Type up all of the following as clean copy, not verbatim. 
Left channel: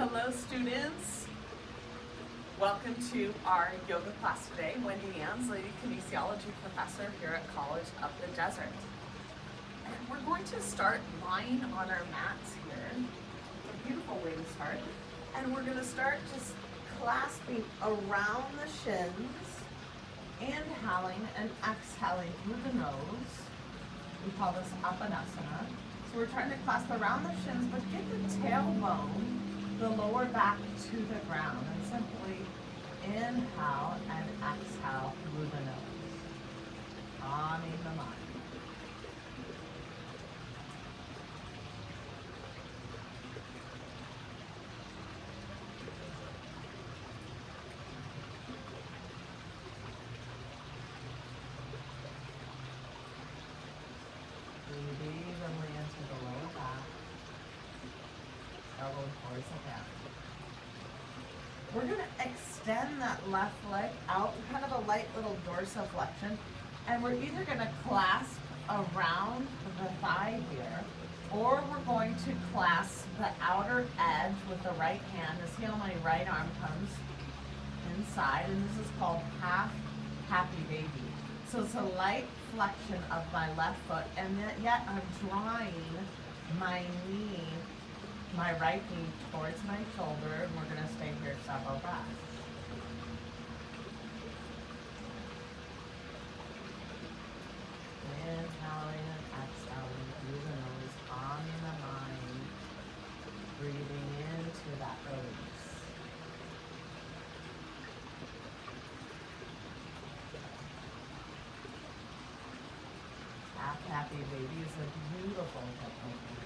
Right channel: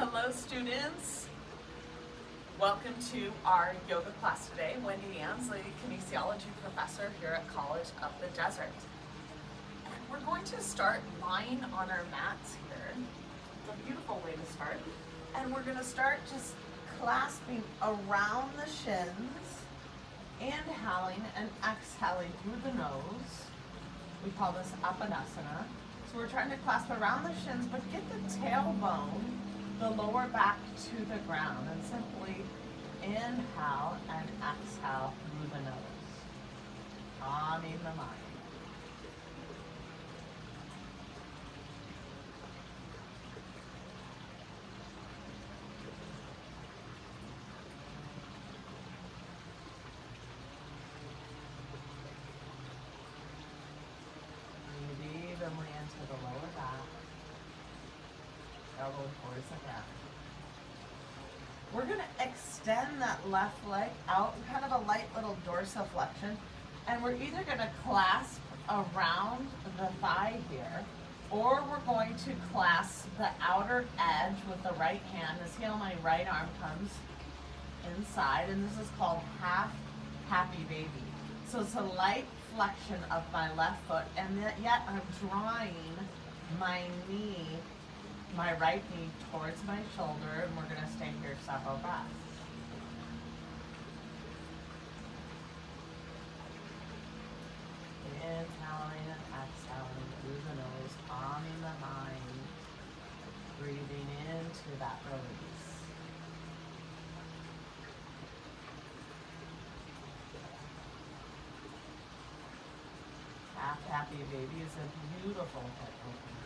Hello students, welcome to our yoga class today. Wendy Ansley, kinesiology professor here at College of the Desert. And we're going to start lying on our mats here. It's a beautiful way to start. And we're going to start just clasping around the shins, inhaling and exhaling through the nose. We call this Apanasana. So we're trying to clasp around the shins, but get the tailbone, the lower back to the ground, and simply inhale and exhale through the nose. Calming the mind. Breathe evenly into the lower back. Elbow towards the ground. We're going to extend that left leg out in kind of a light little dorsiflexion, and we're either going to clasp around the thigh here, or we're going to clasp the outer edge with the right hand. And see how my right arm comes inside, and this is called half happy baby. So it's a light flexion of my left foot, and yet I'm drawing my knee, my right knee towards my shoulder, and we're going to stay here several breaths. Inhaling and exhaling through the nose, calming the mind, breathing into that release. Half happy baby is a beautiful hip opener.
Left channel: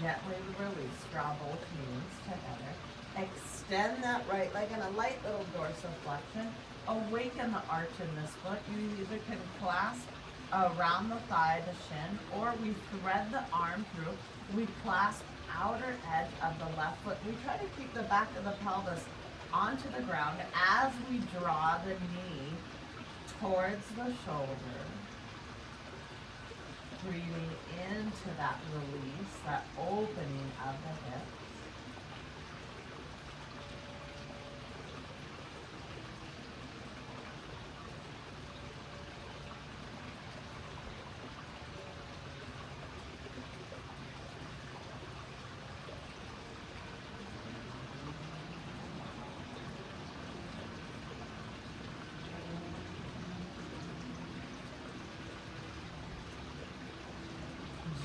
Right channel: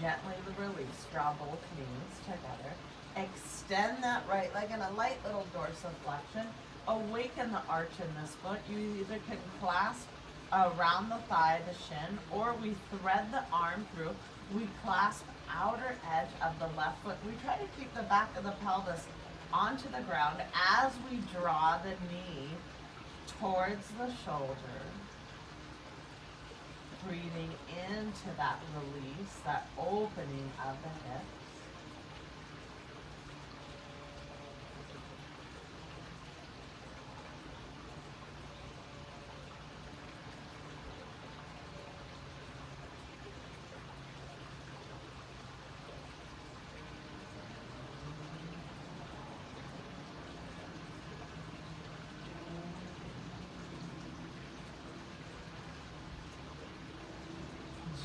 Gently release, draw both knees together. Extend that right leg in a light little dorsiflexion. Awaken the arch in this foot. You either can clasp around the thigh, the shin, or we thread the arm through. We clasp outer edge of the left foot. We try to keep the back of the pelvis onto the ground as we draw the knee towards the shoulder. Breathing into that release, that opening of the hips.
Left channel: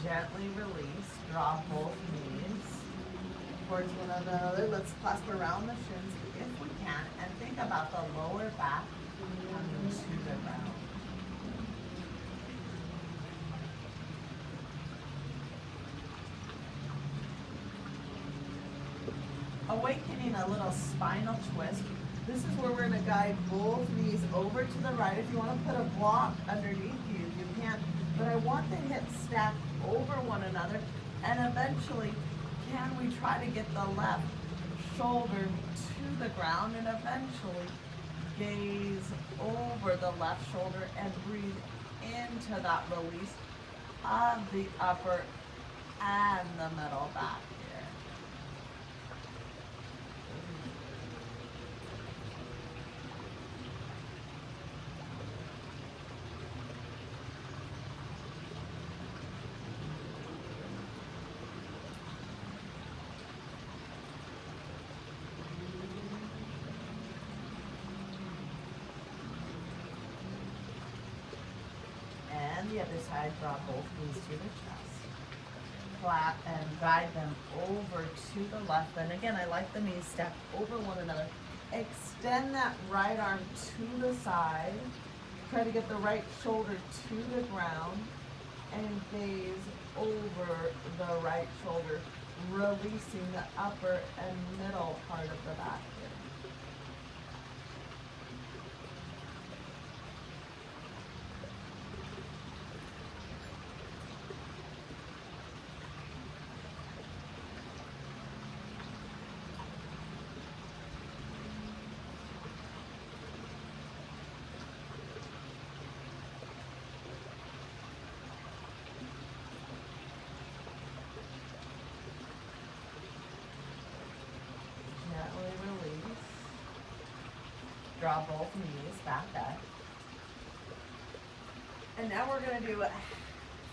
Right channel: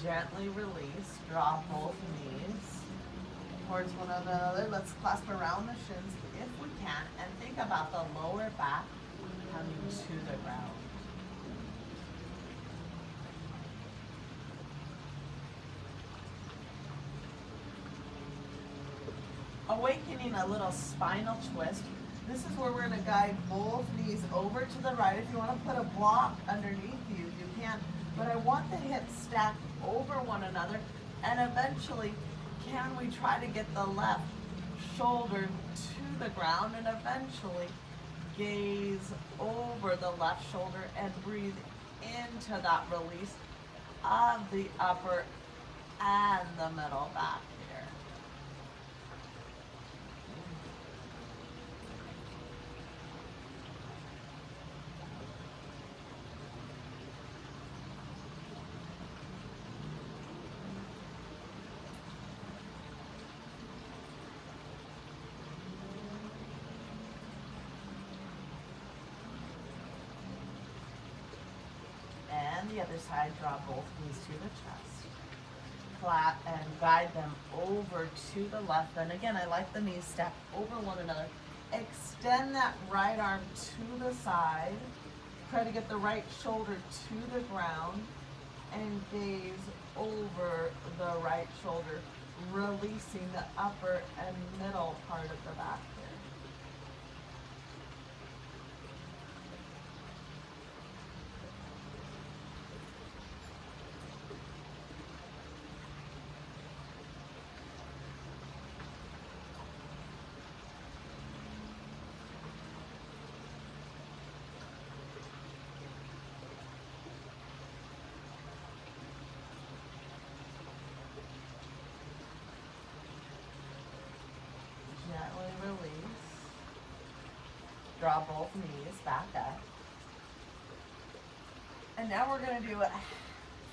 Gently release, draw both knees towards one another. Let's clasp around the shins if we can, and think about the lower back coming to the ground. Awakening a little spinal twist. This is where we're going to guide both knees over to the right. If you want to put a block underneath you, you can. But I want the hips stacked over one another, and eventually, can we try to get the left shoulder to the ground, and eventually gaze over the left shoulder and breathe into that release of the upper and the middle back here. And the other side, draw both knees to the chest. Flat and guide them over to the left. And again, I like the knees stacked over one another. Extend that right arm to the side. Try to get the right shoulder to the ground and gaze over the right shoulder, releasing the upper and middle part of the back here. draw both knees back up. And now we're going to do a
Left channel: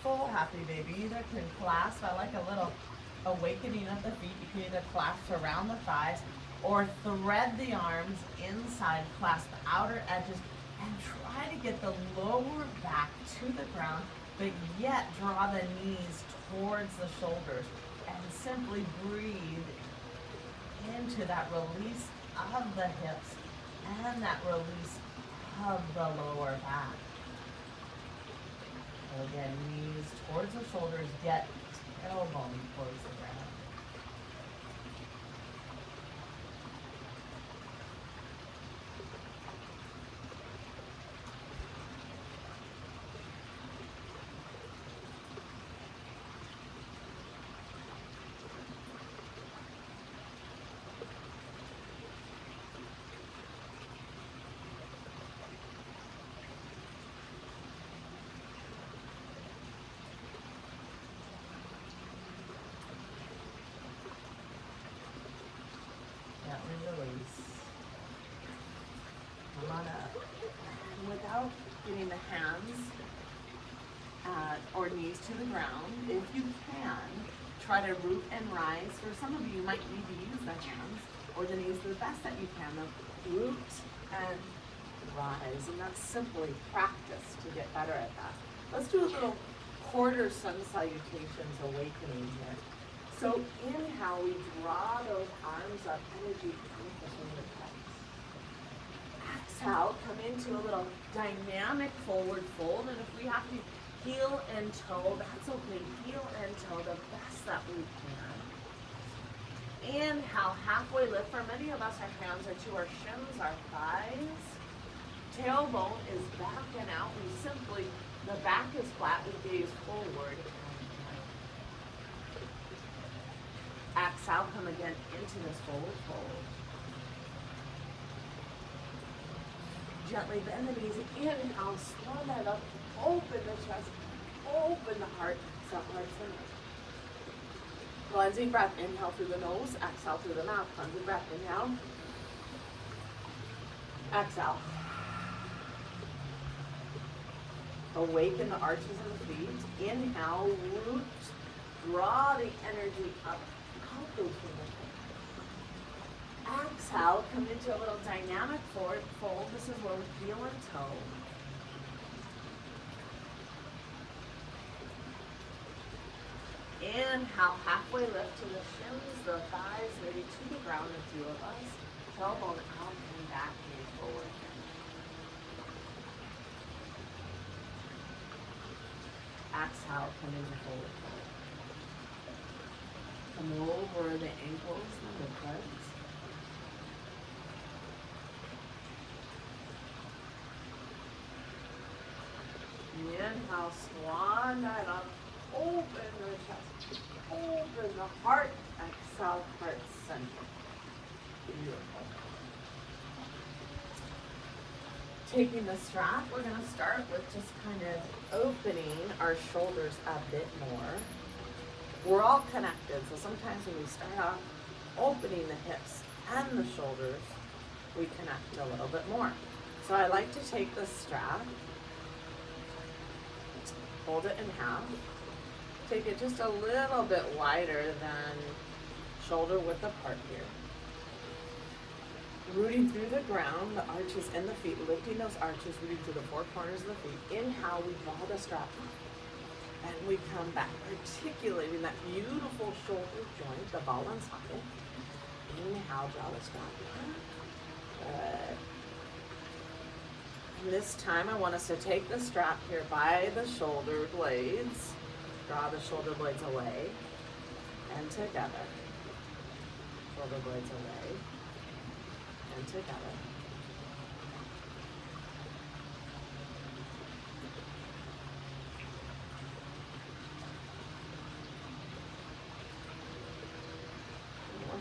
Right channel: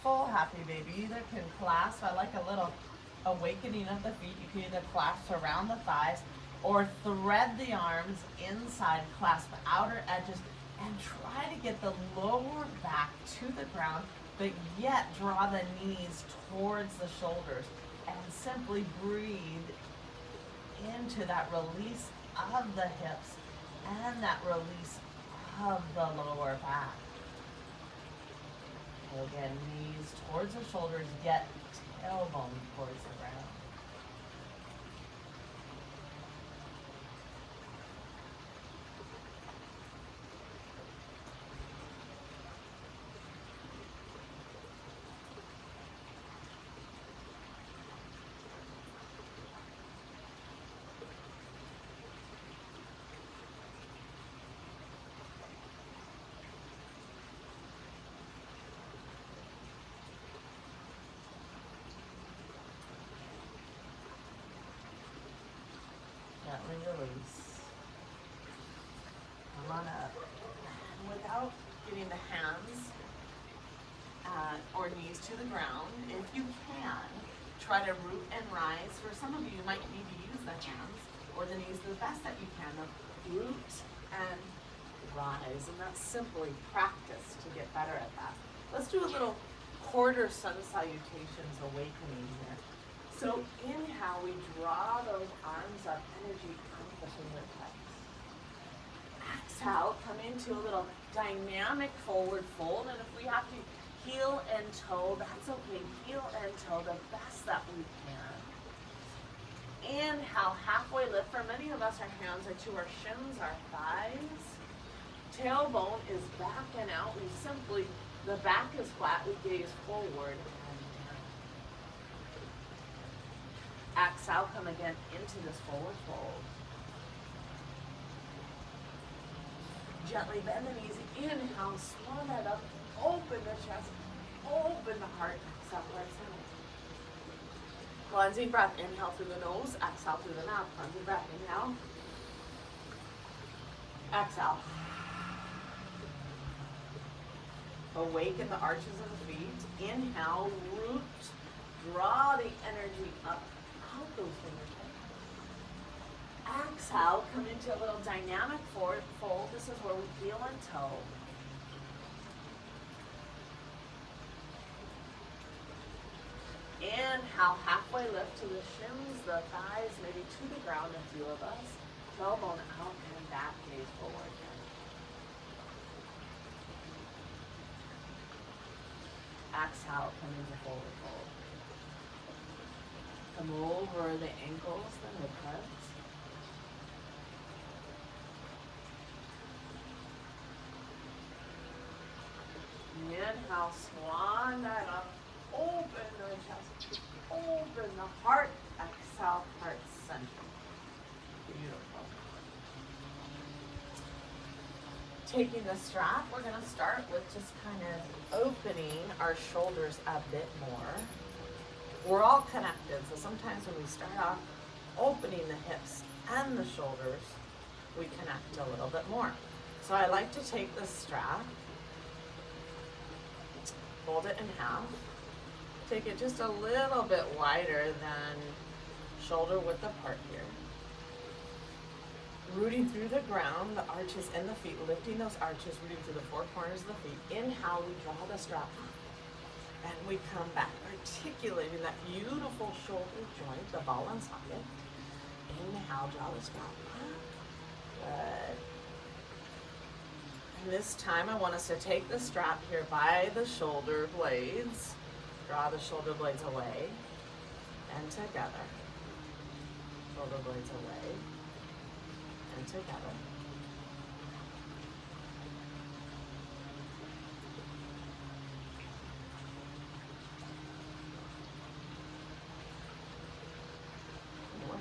full happy baby. You either can clasp, I like a little awakening of the feet. You can either clasp around the thighs or thread the arms inside, clasp the outer edges, and try to get the lower back to the ground, but yet draw the knees towards the shoulders and simply breathe into that release of the hips and that release of the lower back. And again, knees towards the shoulders, yet tailbone towards the ground. Release. Come on up. Without getting the hands or knees to the ground, if you can, try to root and rise. For some of you, you might need to use the hands or the knees the best that you can. Root and rise, and that's simply practice to get better at that. Let's do a little quarter sun salutations awakening here. So inhale, we draw those arms up, energy out the fingertips. Exhale, come into a little dynamic forward fold, and if we have to heel and toe, that's okay. Heel and toe the best that we can. Inhale, halfway lift. For many of us, our hands are to our shins, our thighs. Tailbone is back and out. We simply, the back is flat, we gaze forward. Exhale, come again into this forward fold. Gently bend the knees. Inhale, swan that up. Open the chest. Open the heart. Exhale, heart center. Cleansing breath. Inhale through the nose. Exhale through the mouth. Cleansing breath. Inhale. Exhale. Awaken the arches of the feet. Inhale, root. Draw the energy up. Out those fingertips. Exhale, come into a little dynamic forward fold. This is where we heel and toe. Inhale, halfway lift to the shins, the thighs, maybe to the ground, a few of us. Tailbone out and back, gaze forward. Exhale, come into forward fold. Come over the ankles, the mid-cuts. Inhale, swan that up. Open the chest. Open the heart. Exhale, heart center. Beautiful. Taking the strap, we're going to start with just kind of opening our shoulders a bit more. We're all connected, so sometimes when we start off opening the hips and the shoulders, we connect a little bit more. So I like to take the strap, fold it in half, take it just a little bit wider than shoulder width apart here. Rooting through the ground, the arches in the feet, lifting those arches, rooting through the four corners of the feet. Inhale, we draw the strap up. And we come back, articulating that beautiful shoulder joint, the ball and socket. Inhale, draw the strap up. Good. And this time I want us to take the strap here by the shoulder blades. Draw the shoulder blades away and together. Shoulder blades away and together.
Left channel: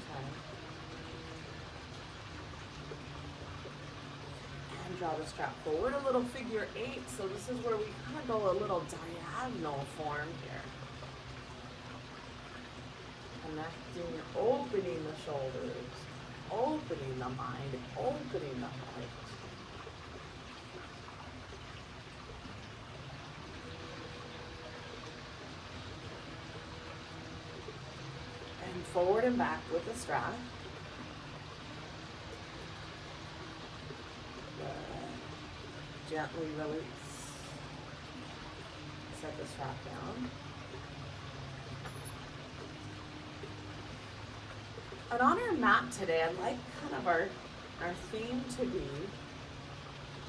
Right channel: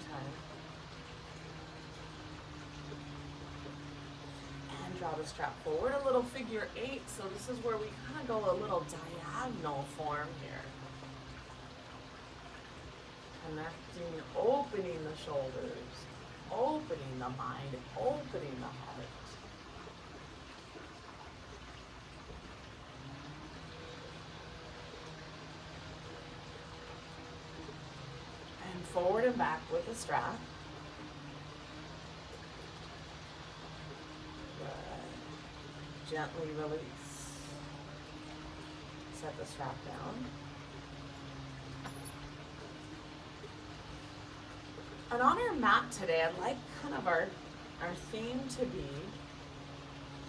Time. And draw the strap forward, a little figure eight. So this is where we kind of go a little diagonal form here. Connecting, opening the shoulders, opening the mind, opening the heart. forward and back with the strap. Good. Gently release. Set the strap down. And on our mat today, I'd like kind of our theme to be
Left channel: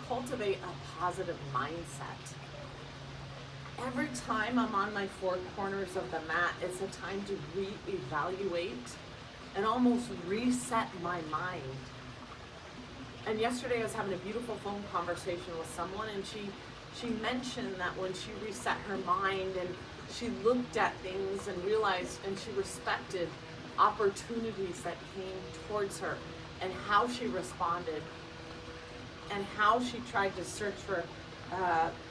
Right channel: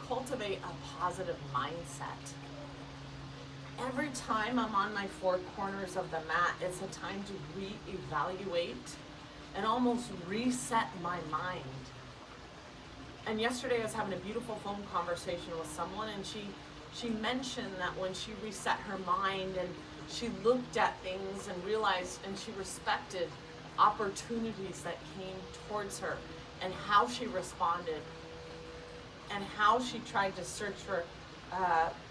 cultivate a positive mindset. Every time I'm on my four corners of the mat, it's a time to reevaluate and almost reset my mind. And yesterday I was having a beautiful phone conversation with someone, and she mentioned that when she reset her mind and she looked at things and realized and she respected opportunities that came towards her and how she responded and how she tried to search for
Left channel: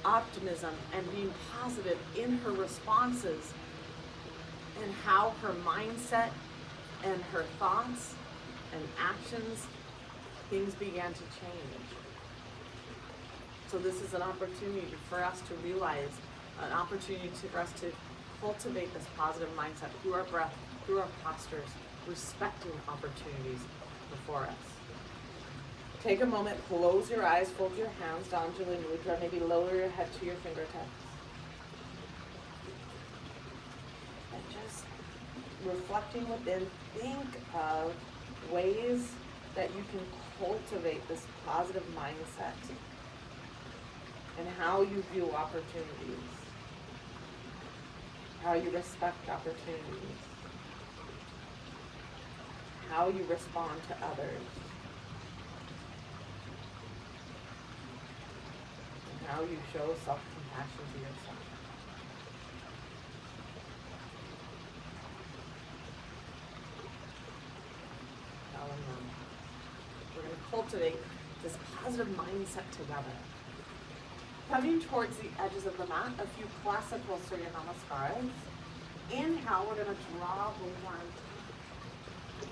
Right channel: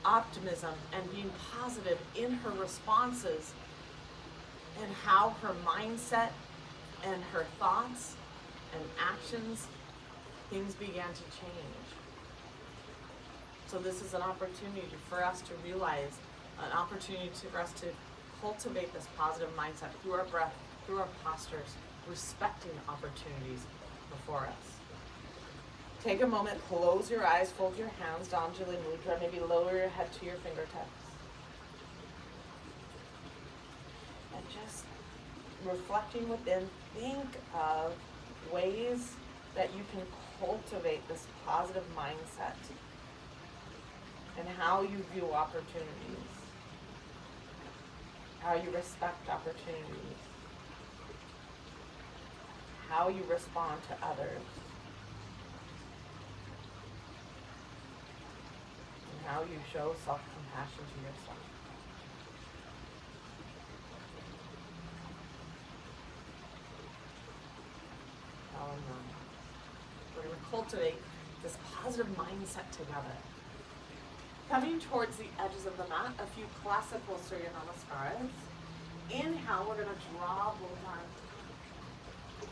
optimism and being positive in her responses, and how her mindset and her thoughts and actions, things began to change. So this is an opportunity for us to realize, an opportunity for us to cultivate this positive mindset through our breath, through our postures, respecting opportunities before us. Take a moment, close your eyes, fold your hands, Anjali Mudra, maybe lower your head to your fingertips. And just reflecting within, think of ways that you can cultivate this positive mindset and how you view opportunities, how you respect opportunities, how you respond to others, and how you show self-compassion to yourself. Now and now. We're going to cultivate this positive mindset together. Coming towards the edges of the mat, a few classical Surya Namaskaras. Inhale, we're going to draw both arms up,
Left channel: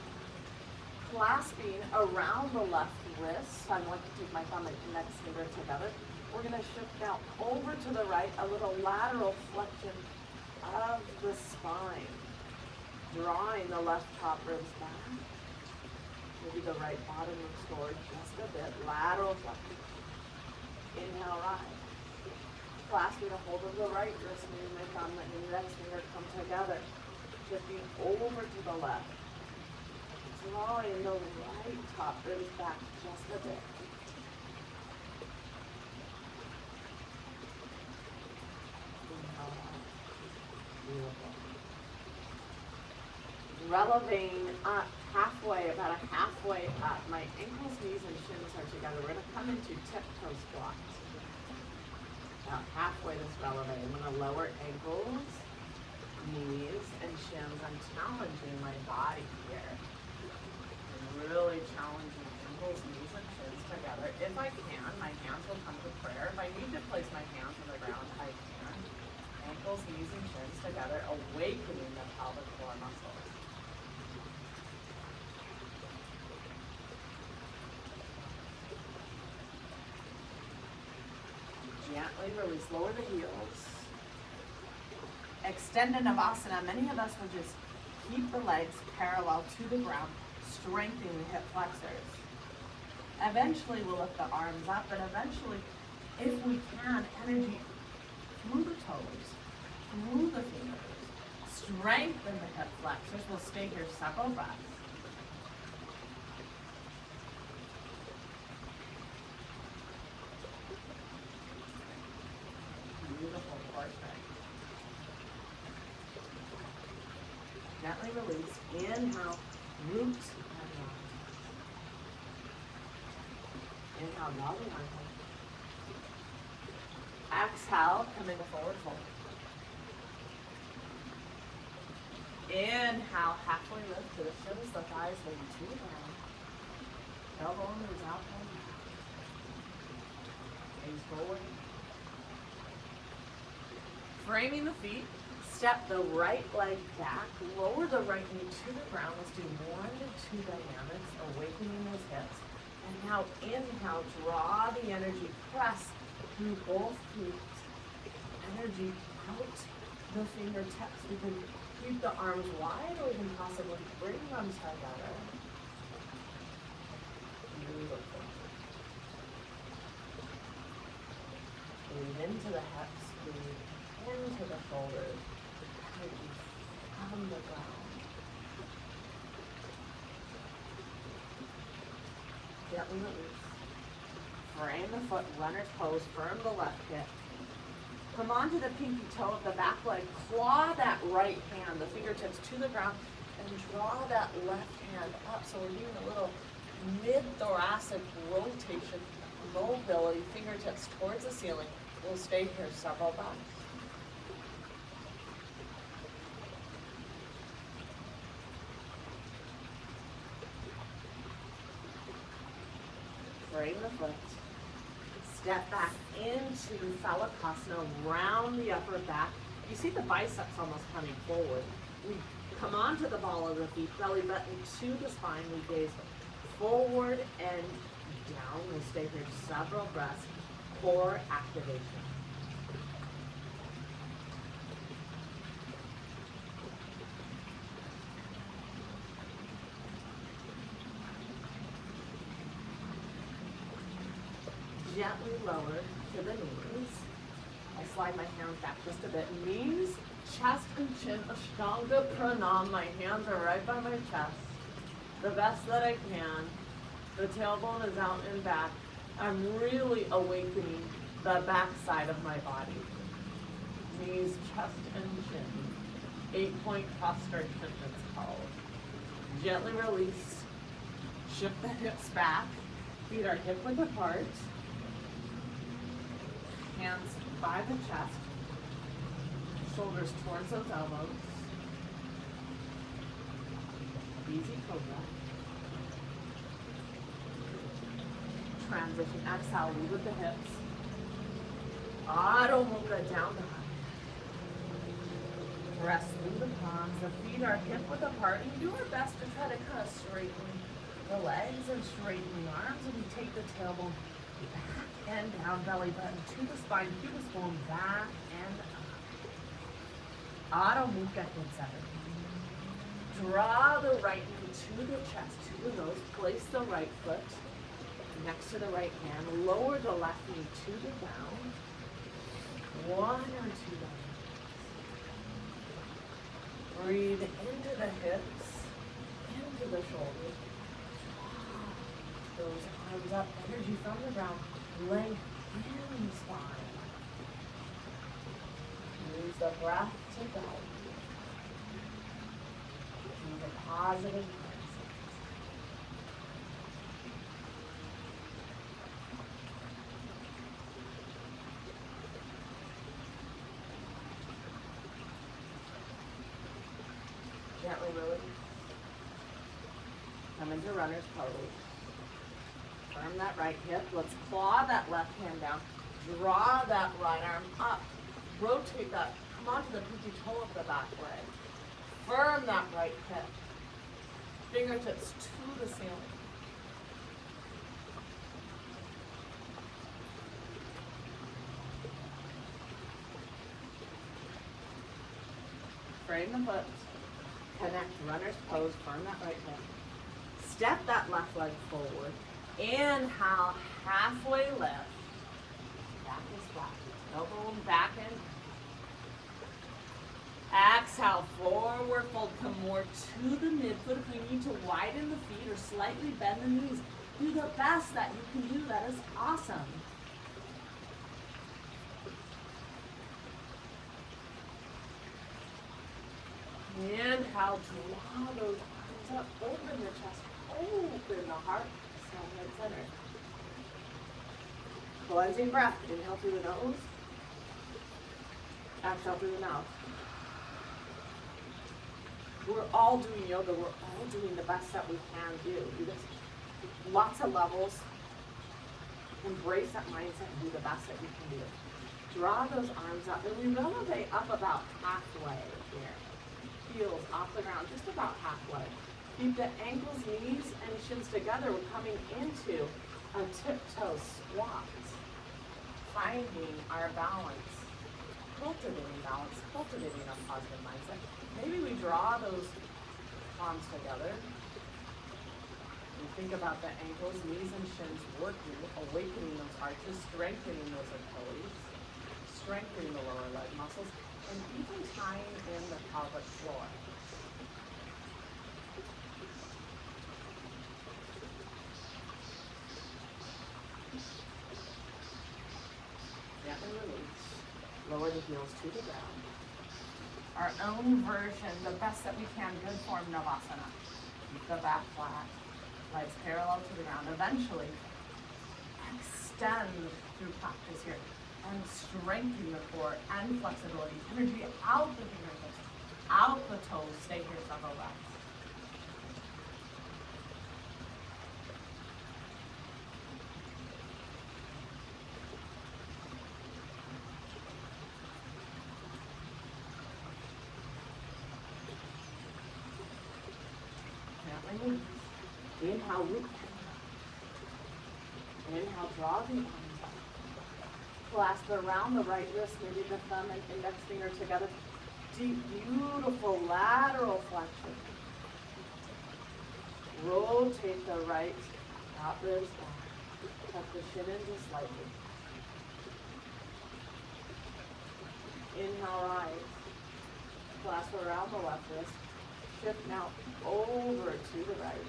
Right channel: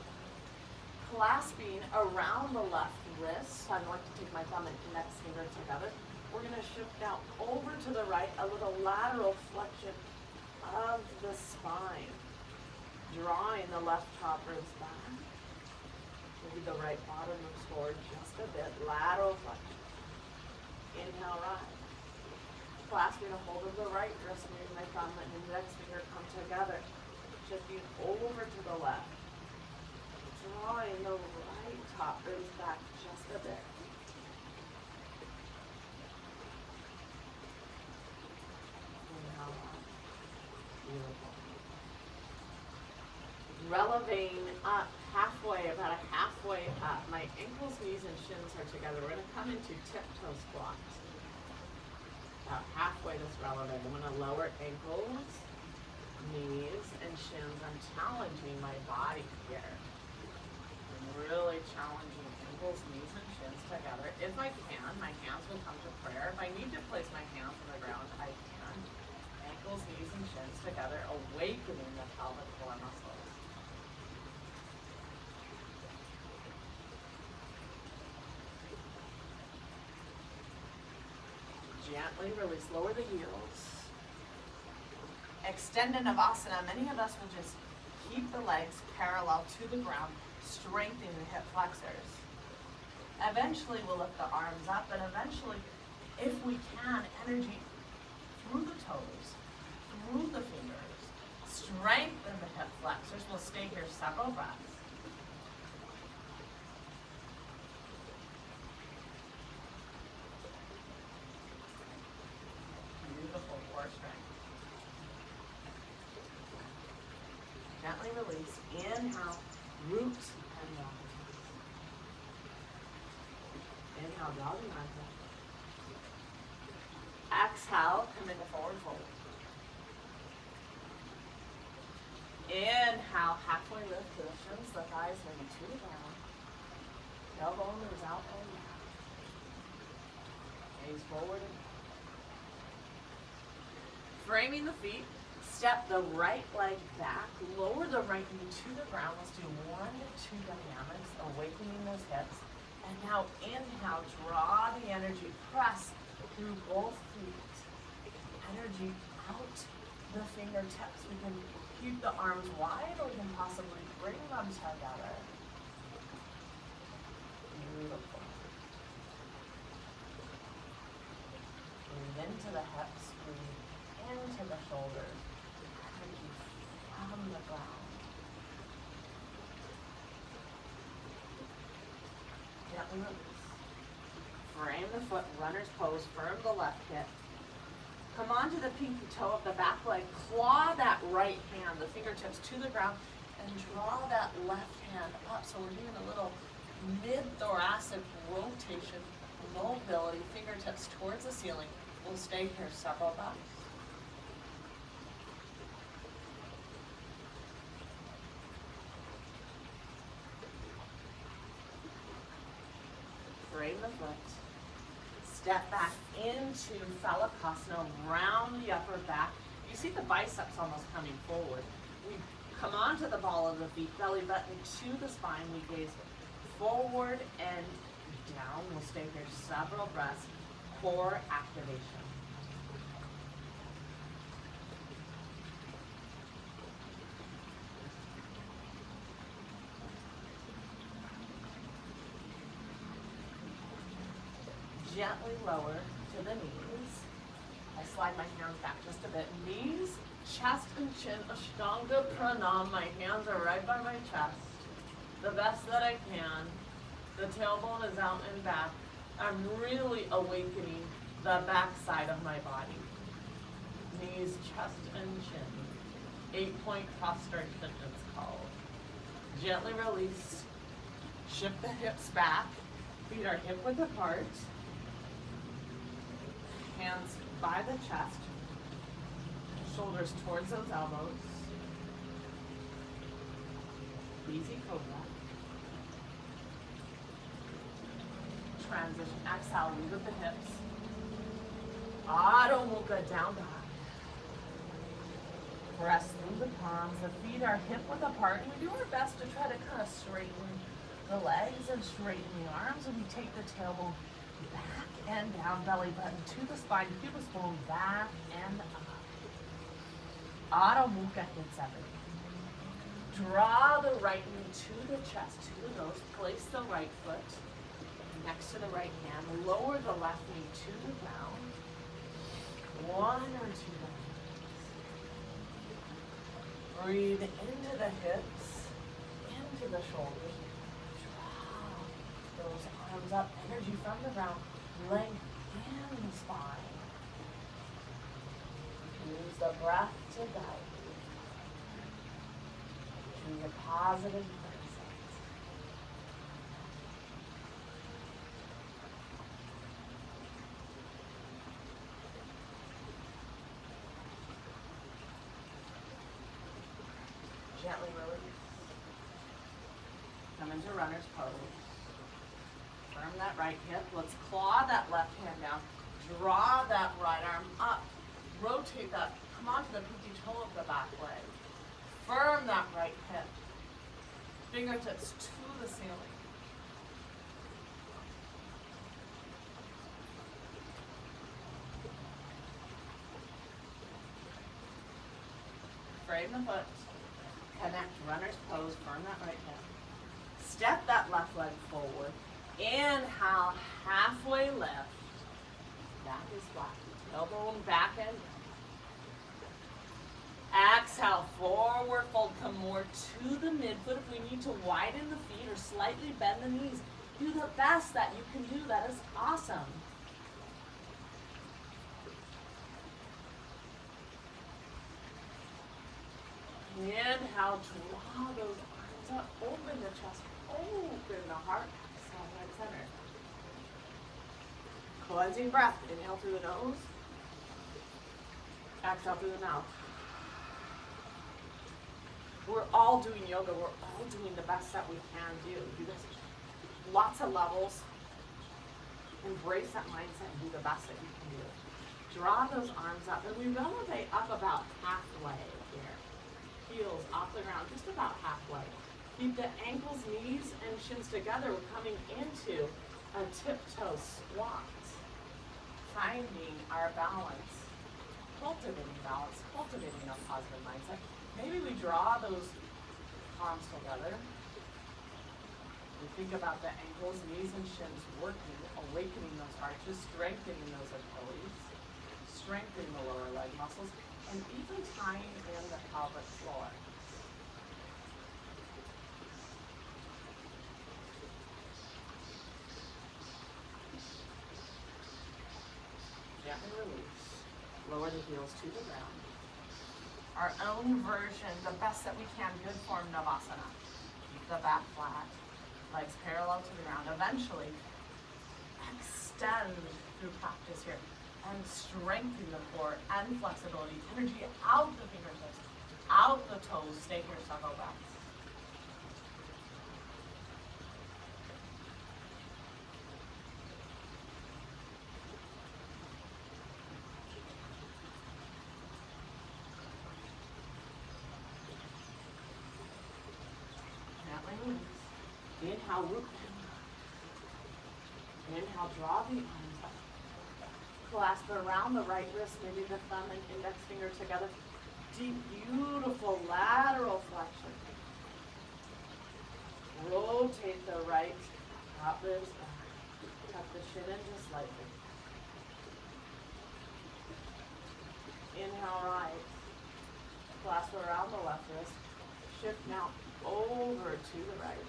clasping around the left wrist. I'm going to take my thumb and index finger together. We're going to shift now over to the right, a little lateral flexion of the spine, drawing the left top ribs back. Maybe the right bottom looks forward just a bit. Lateral flexion. Inhale, rise. Clasping a hold of the right wrist, moving my thumb and index finger come together. Shifting over to the left. Drawing the right top ribs back just a bit. Inhale, rise. Beautiful. Relevating up halfway, about a halfway up. My ankles, knees, and shins are together. We're going to come into tiptoe squat. About halfway this releve. I'm going to lower ankles, knees, and shins. I'm challenging my body here. I'm really challenging ankles, knees, and shins together. If I can, my hands will come to prayer. If I need to place my hands on the ground, I can. Ankles, knees, and shins together, awakening the pelvic floor muscles. Gently release, lower the heels. Extend a Navasana. Many of us will just keep the legs parallel to the ground, strengthening the hip flexors. Eventually we'll lift the arms up, and eventually, if we can, energy through the toes, through the fingers, strengthen the hip flexors. We'll stay here several breaths. Beautiful core strength. Gently release. Inhale, root and rise. Inhale, doggy arm. Exhale, come into forward fold. Inhale, halfway lift to the shins, the thighs maybe to the ground. Elbow moves out and back. Gaze forward. Framing the feet, step the right leg back, lower the right knee to the ground. Let's do 1 to 2 dynamics, awakening those hips. And now inhale, draw the energy, press through both feet. Energy out the fingertips. We can keep the arms wide, or we can possibly bring them together. Beautiful. Breathe into the hips, breathe into the shoulders. Energy from the ground. Gently release. Frame the foot, runner's pose, firm the left hip. Come onto the pinky toe of the back leg, claw that right hand, the fingertips to the ground, and draw that left hand up. So we're doing a little mid-thoracic rotation, mobility, fingertips towards the ceiling. We'll stay here several breaths. Frame the foot. Step back into Phalakasana, round the upper back. You see the biceps almost coming forward. We come onto the ball of the feet, belly button to the spine. We gaze forward and down. We'll stay here several breaths. Core activation. Gently lower to the knees. I slide my hands back just a bit. Knees, chest and chin, Ashtanga Pranam. My hands are right by my chest. The best that I can. The tailbone is out and back. I'm really awakening the back side of my body. Knees, chest, and chin. 8-point prostration it's called. Gently release. Shift the hips back. Feet are hip width apart. Hands by the chest, shoulders towards those elbows. Easy cobra. Transition, exhale, lead with the hips. Adho Mukha, down dog. Press through the palms, the feet are hip width apart, and we do our best to try to kind of straighten the legs and straighten the arms, and we take the tailbone back and down, belly button to the spine, pubic bone back and up. Adho Mukha hits everything. Draw the right knee to the chest, to the nose. Place the right foot next to the right hand. Lower the left knee to the ground. 1 or 2 breaths. Breathe into the hips, into the shoulders. Draw those arms up, energy from the ground. Length in the spine. Use the breath to guide you. Use a positive mindset. Gently release. Come into runner's pose. Firm that right hip. Let's claw that left hand down. Draw that right arm up. Rotate that. Come onto the pinky toe of the back leg. Firm that right hip. Fingertips to the ceiling. Frame the foot. Connect runner's pose. Firm that right hip. Step that left leg forward. Inhale, halfway lift. Back is flat. Elbow back and down. Exhale, forward fold. Come more to the midfoot. If we need to widen the feet or slightly bend the knees, do the best that you can do. That is awesome. Inhale, draw those arms up. Open the chest. Open the heart. Right center. Cleansing breath. Inhale through the nose. Exhale through the mouth. We're all doing yoga. We're all doing the best that we can do. Do this. Lots of levels. Embrace that mindset and do the best that you can do. Draw those arms up, and we elevate up about halfway here. Heels off the ground, just about halfway. Keep the ankles, knees, and shins together. We're coming into a tiptoe squat. Finding our balance. cultivating balance, cultivating a positive mindset. Maybe we draw those palms together. We think about the ankles, knees, and shins working, awakening those arches, strengthening those Achilles, strengthening the lower leg muscles, and even tying in the pelvic floor. Gently release. Lower the heels to the ground. Our own version, the best that we can, good form Navasana. Keep the back flat, legs parallel to the ground. Eventually, extend through practice here and strengthen the core and flexibility. Energy out the fingertips, out the toes. Stay here several breaths. Inhale, root and inhale, draw the arms up. Clasp around the right wrist, maybe the thumb and index finger together. Deep, beautiful lateral flexion. Rotate the right top ribs back. Tuck the shin in just slightly. Inhale, rise. Clasp around the left wrist. Shift now over to the right.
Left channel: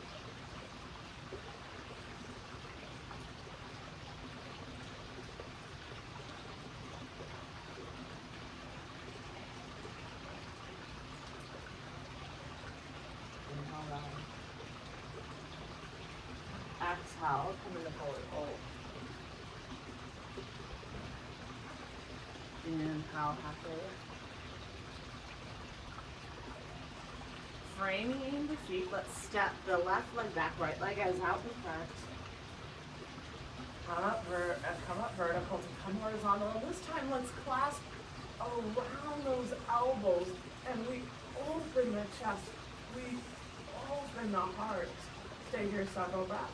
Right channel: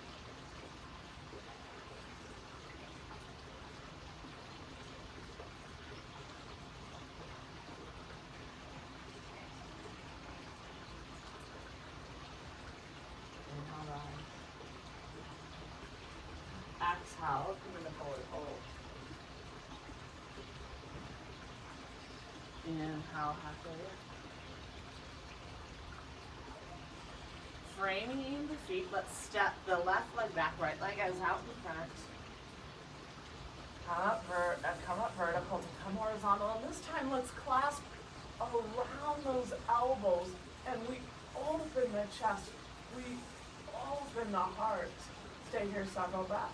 Inhale, rise. Exhale, come into forward fold. Inhale, halfway lift. Framing the feet, let's step the left leg back, right leg is out in front. Come up vertical to come horizontal. And this time let's clasp around those elbows and we open the chest. We open the heart. Stay here several breaths.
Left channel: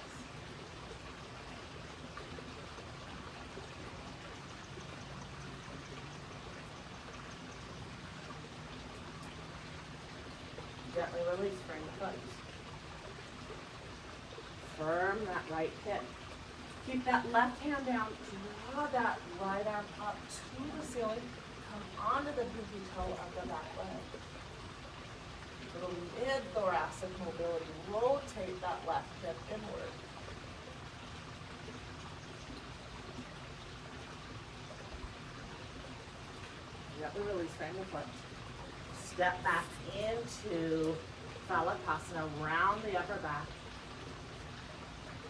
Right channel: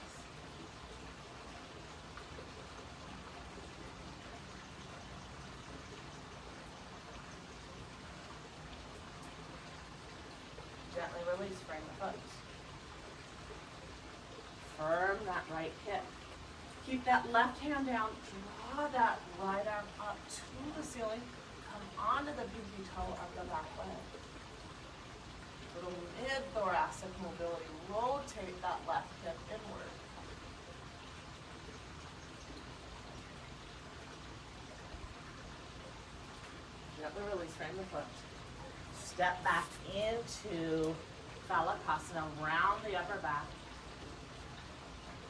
Gently release, frame the foot. Firm that right hip. Keep that left hand down, draw that right arm up to the ceiling, come onto the pinky toe of the back leg. Little mid-thoracic mobility, rotate that left hip inward. Gently release, frame the foot. Step back into Phalakasana, round the upper back.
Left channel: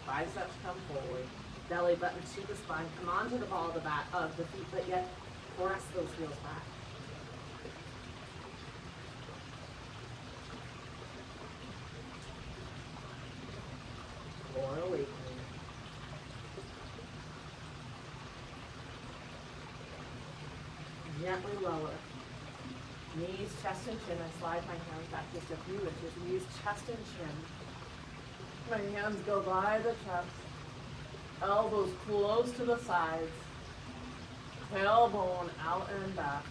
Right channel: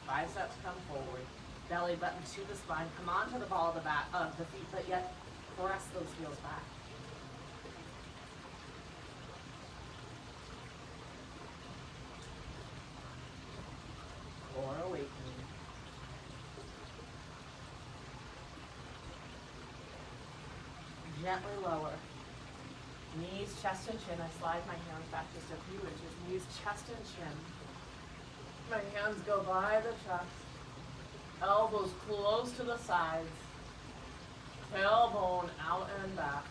Biceps come forward. Belly button to the spine. Come onto the ball of the back of the feet, but yet press those heels back. Core awakening. Gently lower. Knees, chest, and chin. I slide my hands back just a few inches. Knees, chest, and chin. My hands go by the chest. Elbows close to the sides. Tailbone out and back.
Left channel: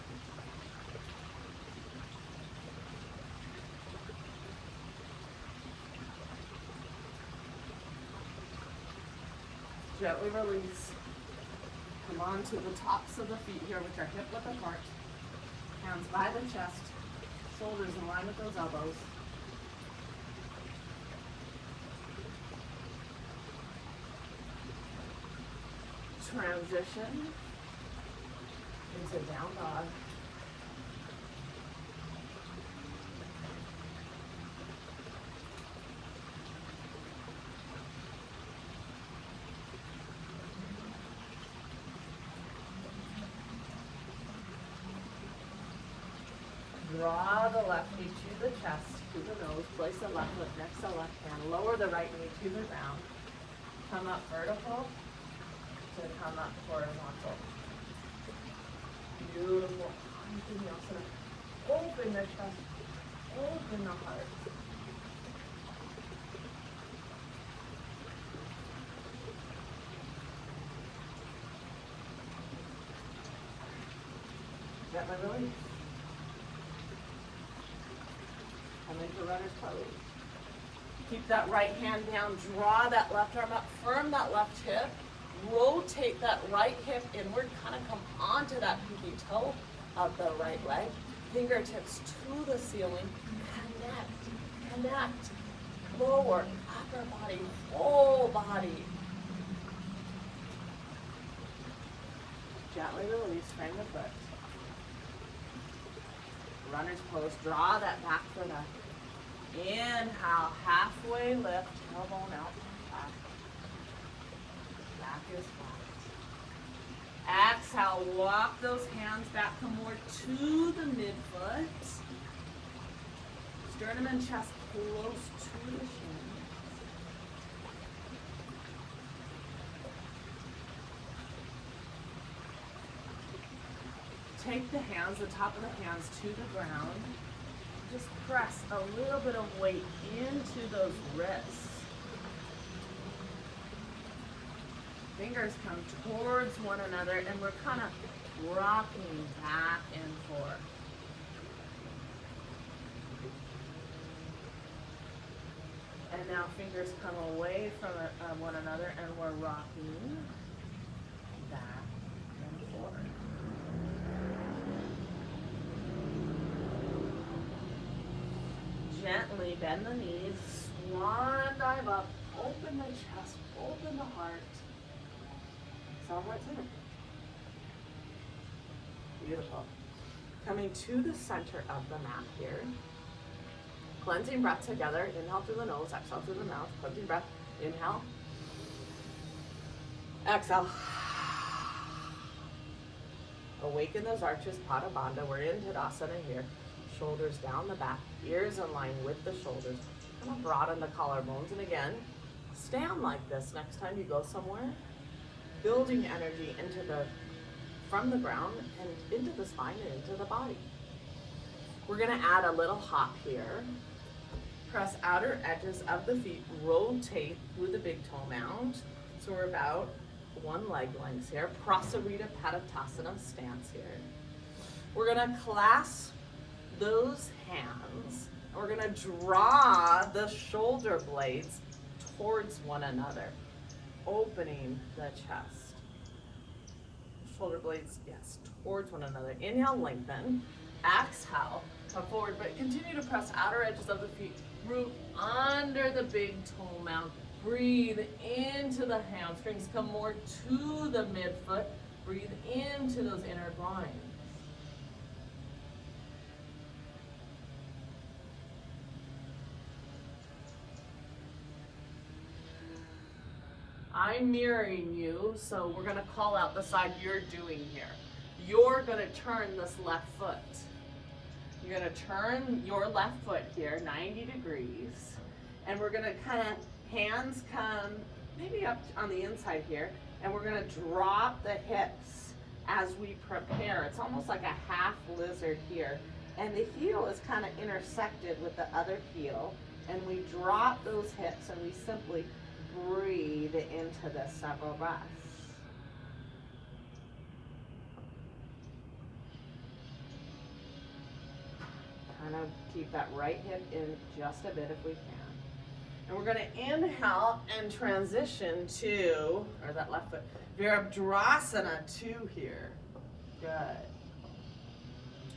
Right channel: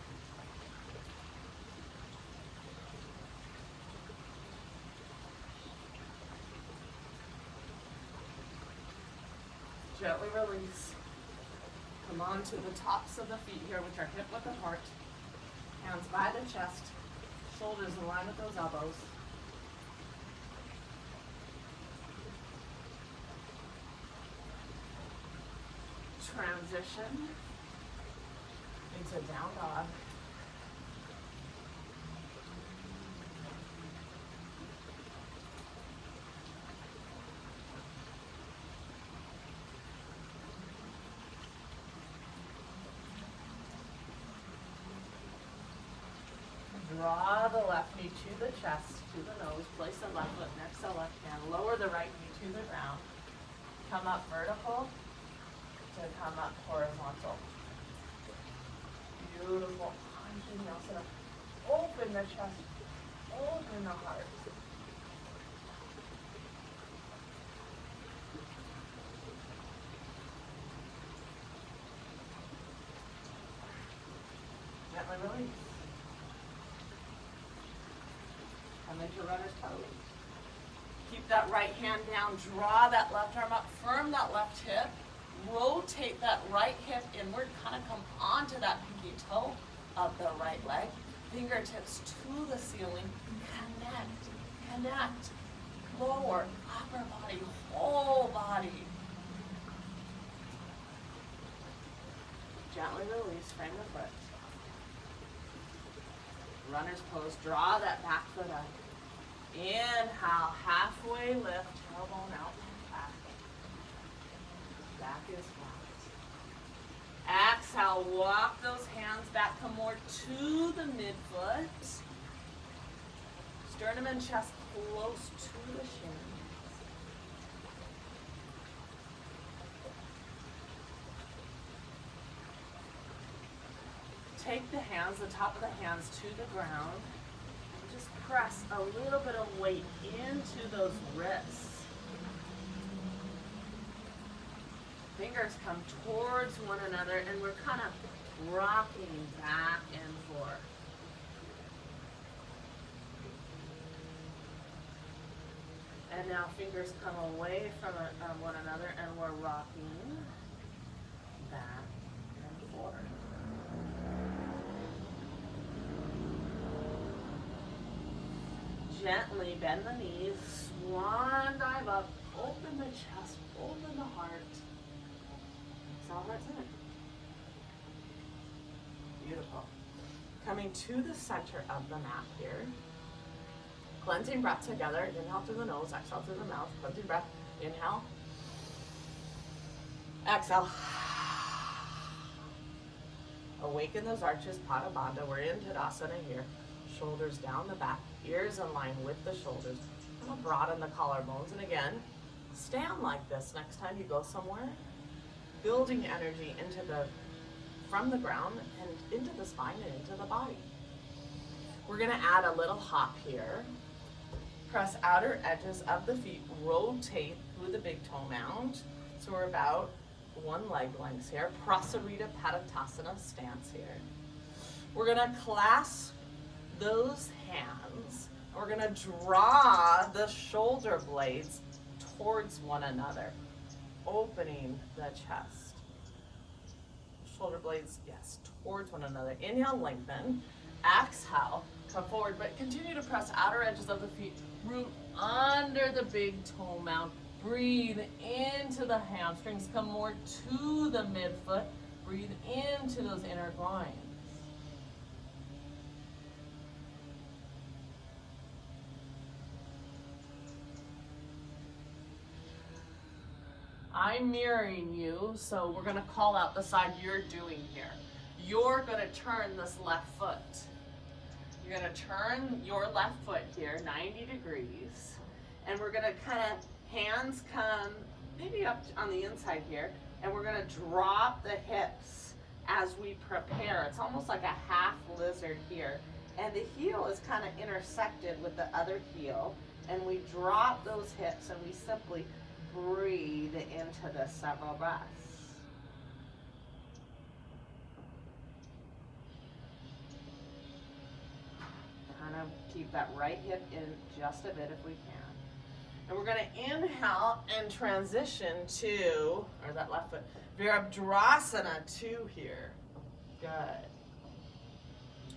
Gently release. Come on to the tops of the feet here, which are hip width apart. Hands by the chest, shoulders in line with those elbows. Transition into down dog. Draw the left knee to the chest, to the nose. Place the left foot next to the left hand. Lower the right knee to the ground. Come up vertical to come up horizontal. Beautiful. Anjaneyasana. Open the chest. Open the heart. Gently release. Come into runner's pose. Keep that right hand down, draw that left arm up, firm that left hip, rotate that right hip inward, kind of come onto that pinky toe of the right leg, fingertips to the ceiling, connect, lower, upper body, whole body. Gently release, frame the foot. Runner's pose, draw that back foot up. Inhale, halfway lift, tailbone out, back. Back is flat. Exhale, walk those hands back, come more to the midfoot. Sternum and chest close to the shin. Take the hands, the top of the hands to the ground. Just press a little bit of weight into those wrists. Fingers come towards one another and we're kind of rocking back and forth. And now fingers come away from one another and we're rocking back and forth. Gently bend the knees, swan dive up, open the chest, open the heart. Exhale, heart center. Beautiful. Coming to the center of the mat here. Cleansing breath together. Inhale through the nose, exhale through the mouth. Cleansing breath. Inhale. Exhale. Awaken those arches, Pada Bandha. We're in Tadasana here. Shoulders down the back, ears in line with the shoulders. Kind of broaden the collarbones. And again, stand like this next time you go somewhere. Building energy from the ground and into the spine and into the body. We're gonna add a little hop here. Press outer edges of the feet, rotate through the big toe mound. So we're about one leg length here. Prasarita Padottanasana stance here. We're gonna clasp those hands. We're gonna draw the shoulder blades towards one another, opening the chest. Shoulder blades, yes, towards one another. Inhale, lengthen. Exhale, come forward, but continue to press outer edges of the feet. Root under the big toe mound. Breathe into the hamstrings. Come more to the midfoot. Breathe into those inner groins. I'm mirroring you, so we're gonna call out the side you're doing here. You're gonna turn this left foot. You're gonna turn your left foot here, 90 degrees. And we're gonna kind of, hands come maybe up on the inside here, and we're gonna drop the hips as we prepare. It's almost like a half lizard here. And the heel is kind of intersected with the other heel. And we drop those hips and we simply breathe into this several breaths. Kind of keep that right hip in just a bit if we can. And we're going to inhale and transition to, or that left foot, Virabhadrasana 2 here. Good.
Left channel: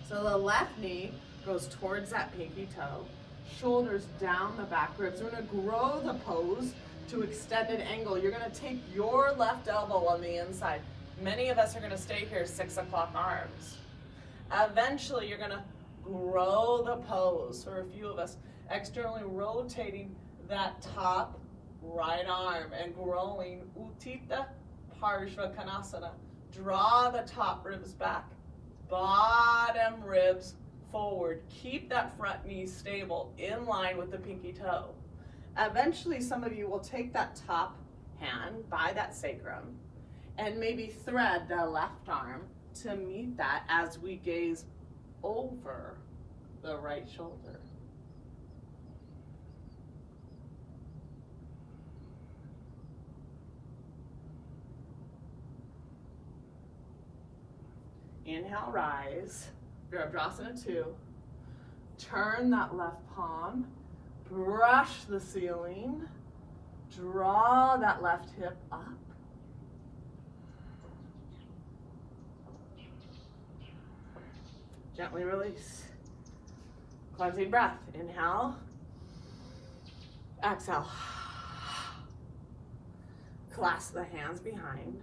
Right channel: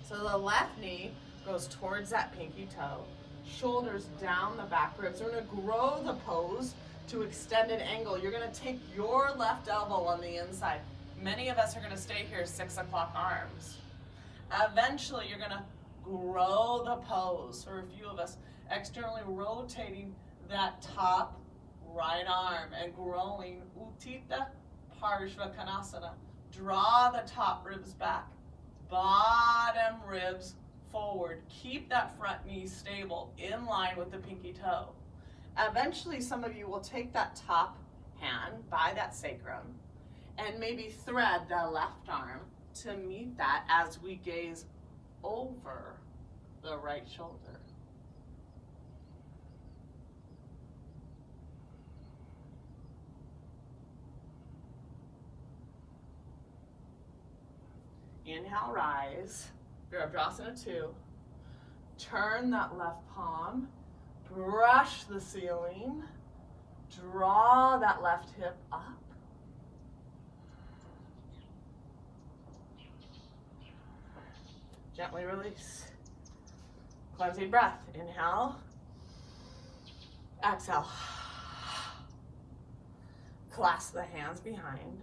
So the left knee goes towards that pinky toe, shoulders down the back ribs. We're going to grow the pose to extended angle. You're going to take your left elbow on the inside. Many of us are going to stay here 6 o'clock arms. Eventually, you're going to grow the pose. For a few of us, externally rotating that top right arm and growing Utthita Parshva Konasana. Draw the top ribs back, bottom ribs forward. Keep that front knee stable in line with the pinky toe. Eventually, some of you will take that top hand by that sacrum and maybe thread the left arm to meet that as we gaze over the right shoulder. Inhale, rise. Virabhadrasana 2. Turn that left palm. Brush the ceiling. Draw that left hip up. Gently release. Cleansing breath. Inhale. Exhale. Clasp the hands behind.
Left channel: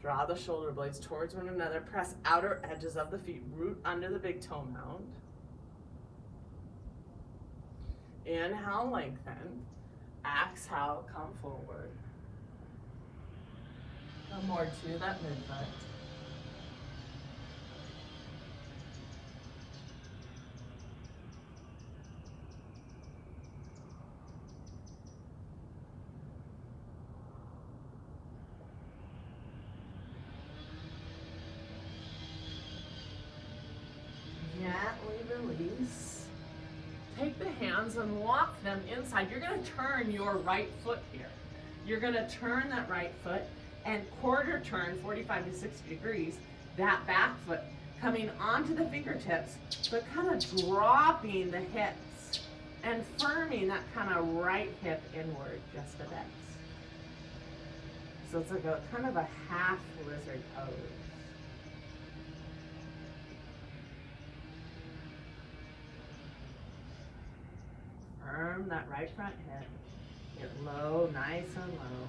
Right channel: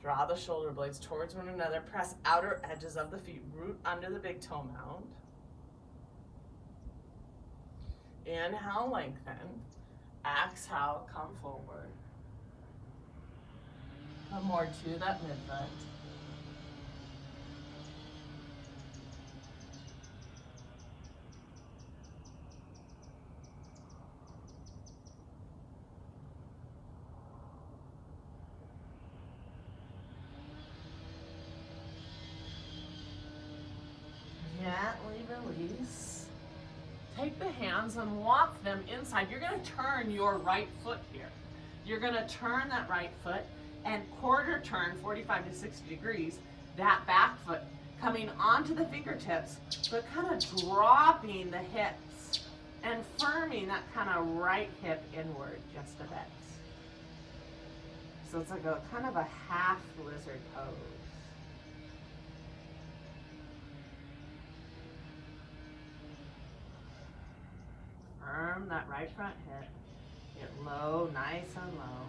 Draw the shoulder blades towards one another. Press outer edges of the feet. Root under the big toe mound. Inhale, lengthen. Exhale, come forward. Come more to that midfoot. Gently release. Take the hands and walk them inside. You're going to turn your right foot here. You're going to turn that right foot and quarter turn 45 to 60 degrees, that back foot coming onto the fingertips, but kind of dropping the hips and firming that kind of right hip inward just a bit. So it's like a kind of a half lizard pose. Firm that right front hip. Get low, nice and low.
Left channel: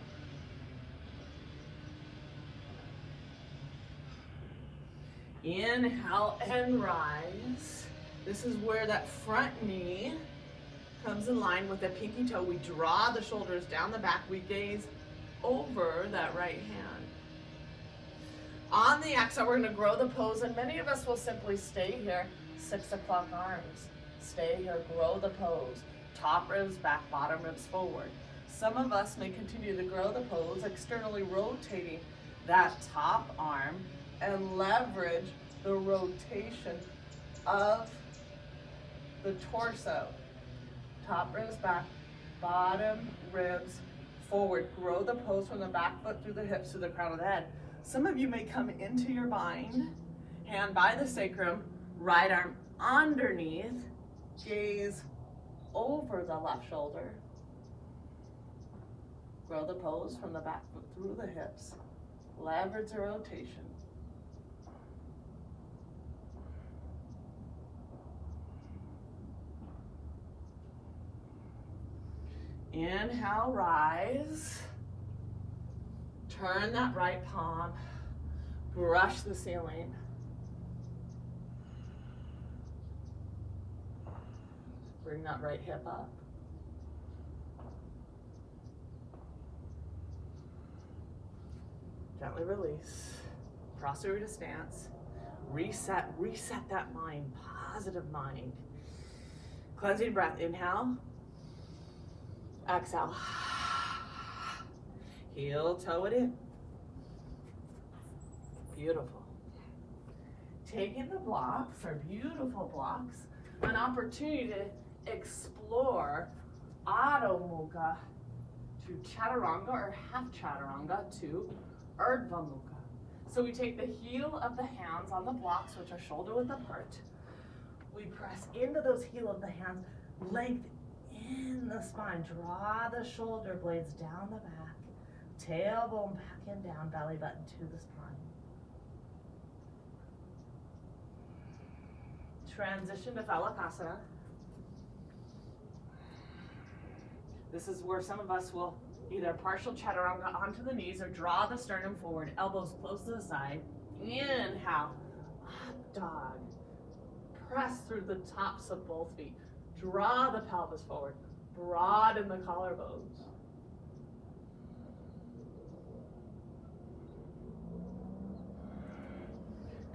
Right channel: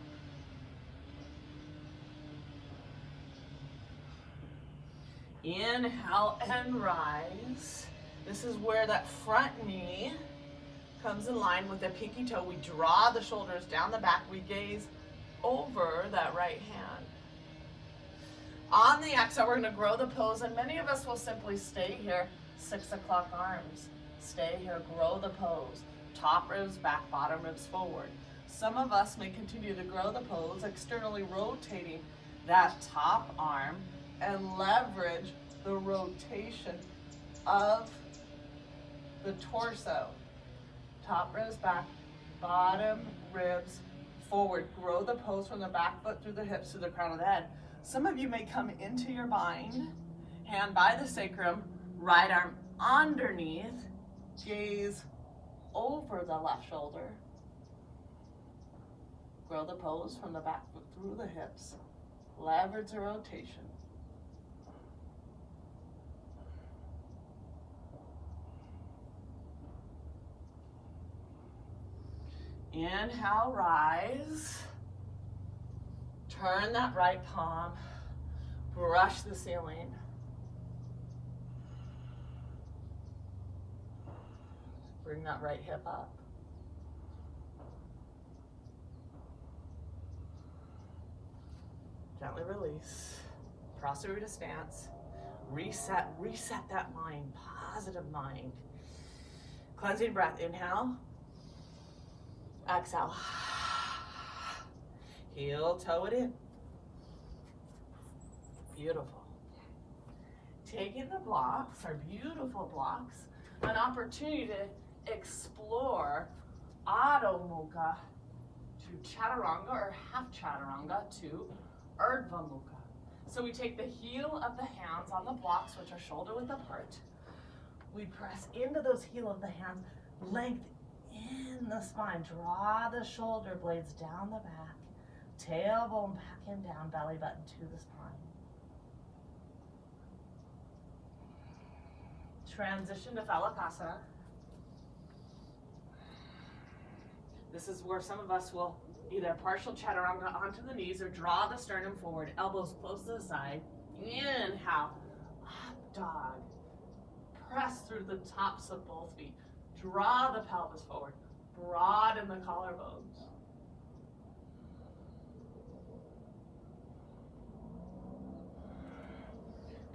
Inhale and rise. This is where that front knee comes in line with the pinky toe. We draw the shoulders down the back. We gaze over that right hand. On the exhale, we're going to grow the pose, and many of us will simply stay here. 6 o'clock arms. Stay here, grow the pose. Top ribs back, bottom ribs forward. Some of us may continue to grow the pose, externally rotating that top arm and leverage the rotation of the torso. Top ribs back, bottom ribs forward. Grow the pose from the back foot through the hips to the crown of the head. Some of you may come into your bind, hand by the sacrum, right arm underneath, gaze over the left shoulder. Grow the pose from the back foot through the hips. Leverage the rotation. Inhale, rise. Turn that right palm. Brush the ceiling. Bring that right hip up. Gently release. Prasarita stance. Reset that mind, positive mind. Cleansing breath, inhale. Exhale. Heel toe it in. Beautiful. Taking the blocks, our beautiful blocks, an opportunity to explore Adho Mukha to Chaturanga or half Chaturanga to Urdhva Mukha. So we take the heel of the hands on the blocks, which are shoulder width apart. We press into those heel of the hands, length in the spine. Draw the shoulder blades down the back, tailbone back and down, belly button to the spine. Transition to Phalakasana. This is where some of us will either partial chaturanga onto the knees or draw the sternum forward, elbows close to the side. Inhale, up dog. Press through the tops of both feet. Draw the pelvis forward. Broaden the collarbones.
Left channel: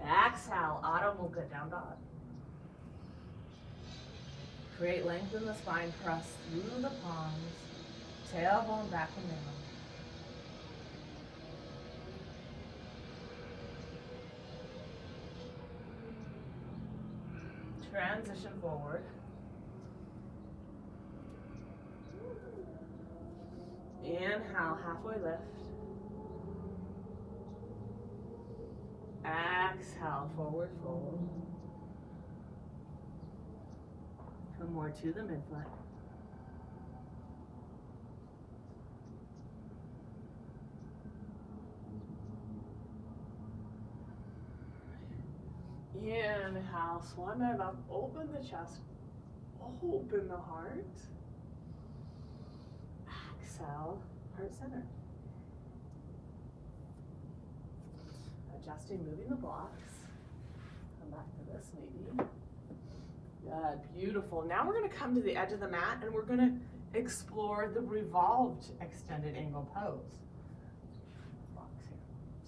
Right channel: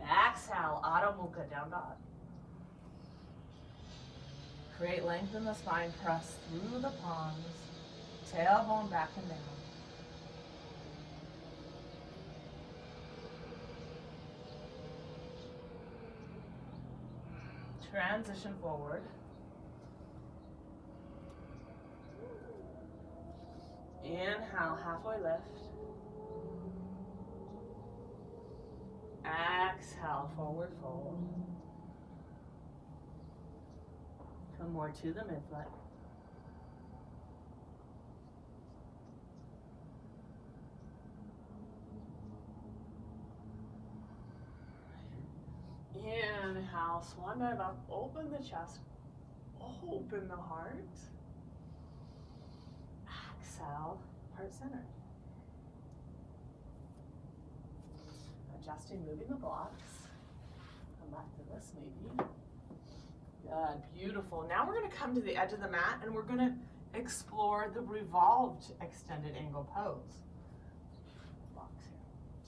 Exhale, Adho Mukha, down dog. Create length in the spine, press through the palms, tailbone back and down. Transition forward. Inhale, halfway lift. Exhale, forward fold. Come more to the midfoot. Inhale, swan dive up, open the chest, open the heart. Exhale, heart center. Adjusting, moving the blocks. Come back to this maybe. Good, beautiful. Now we're gonna come to the edge of the mat and we're gonna explore the revolved extended angle pose.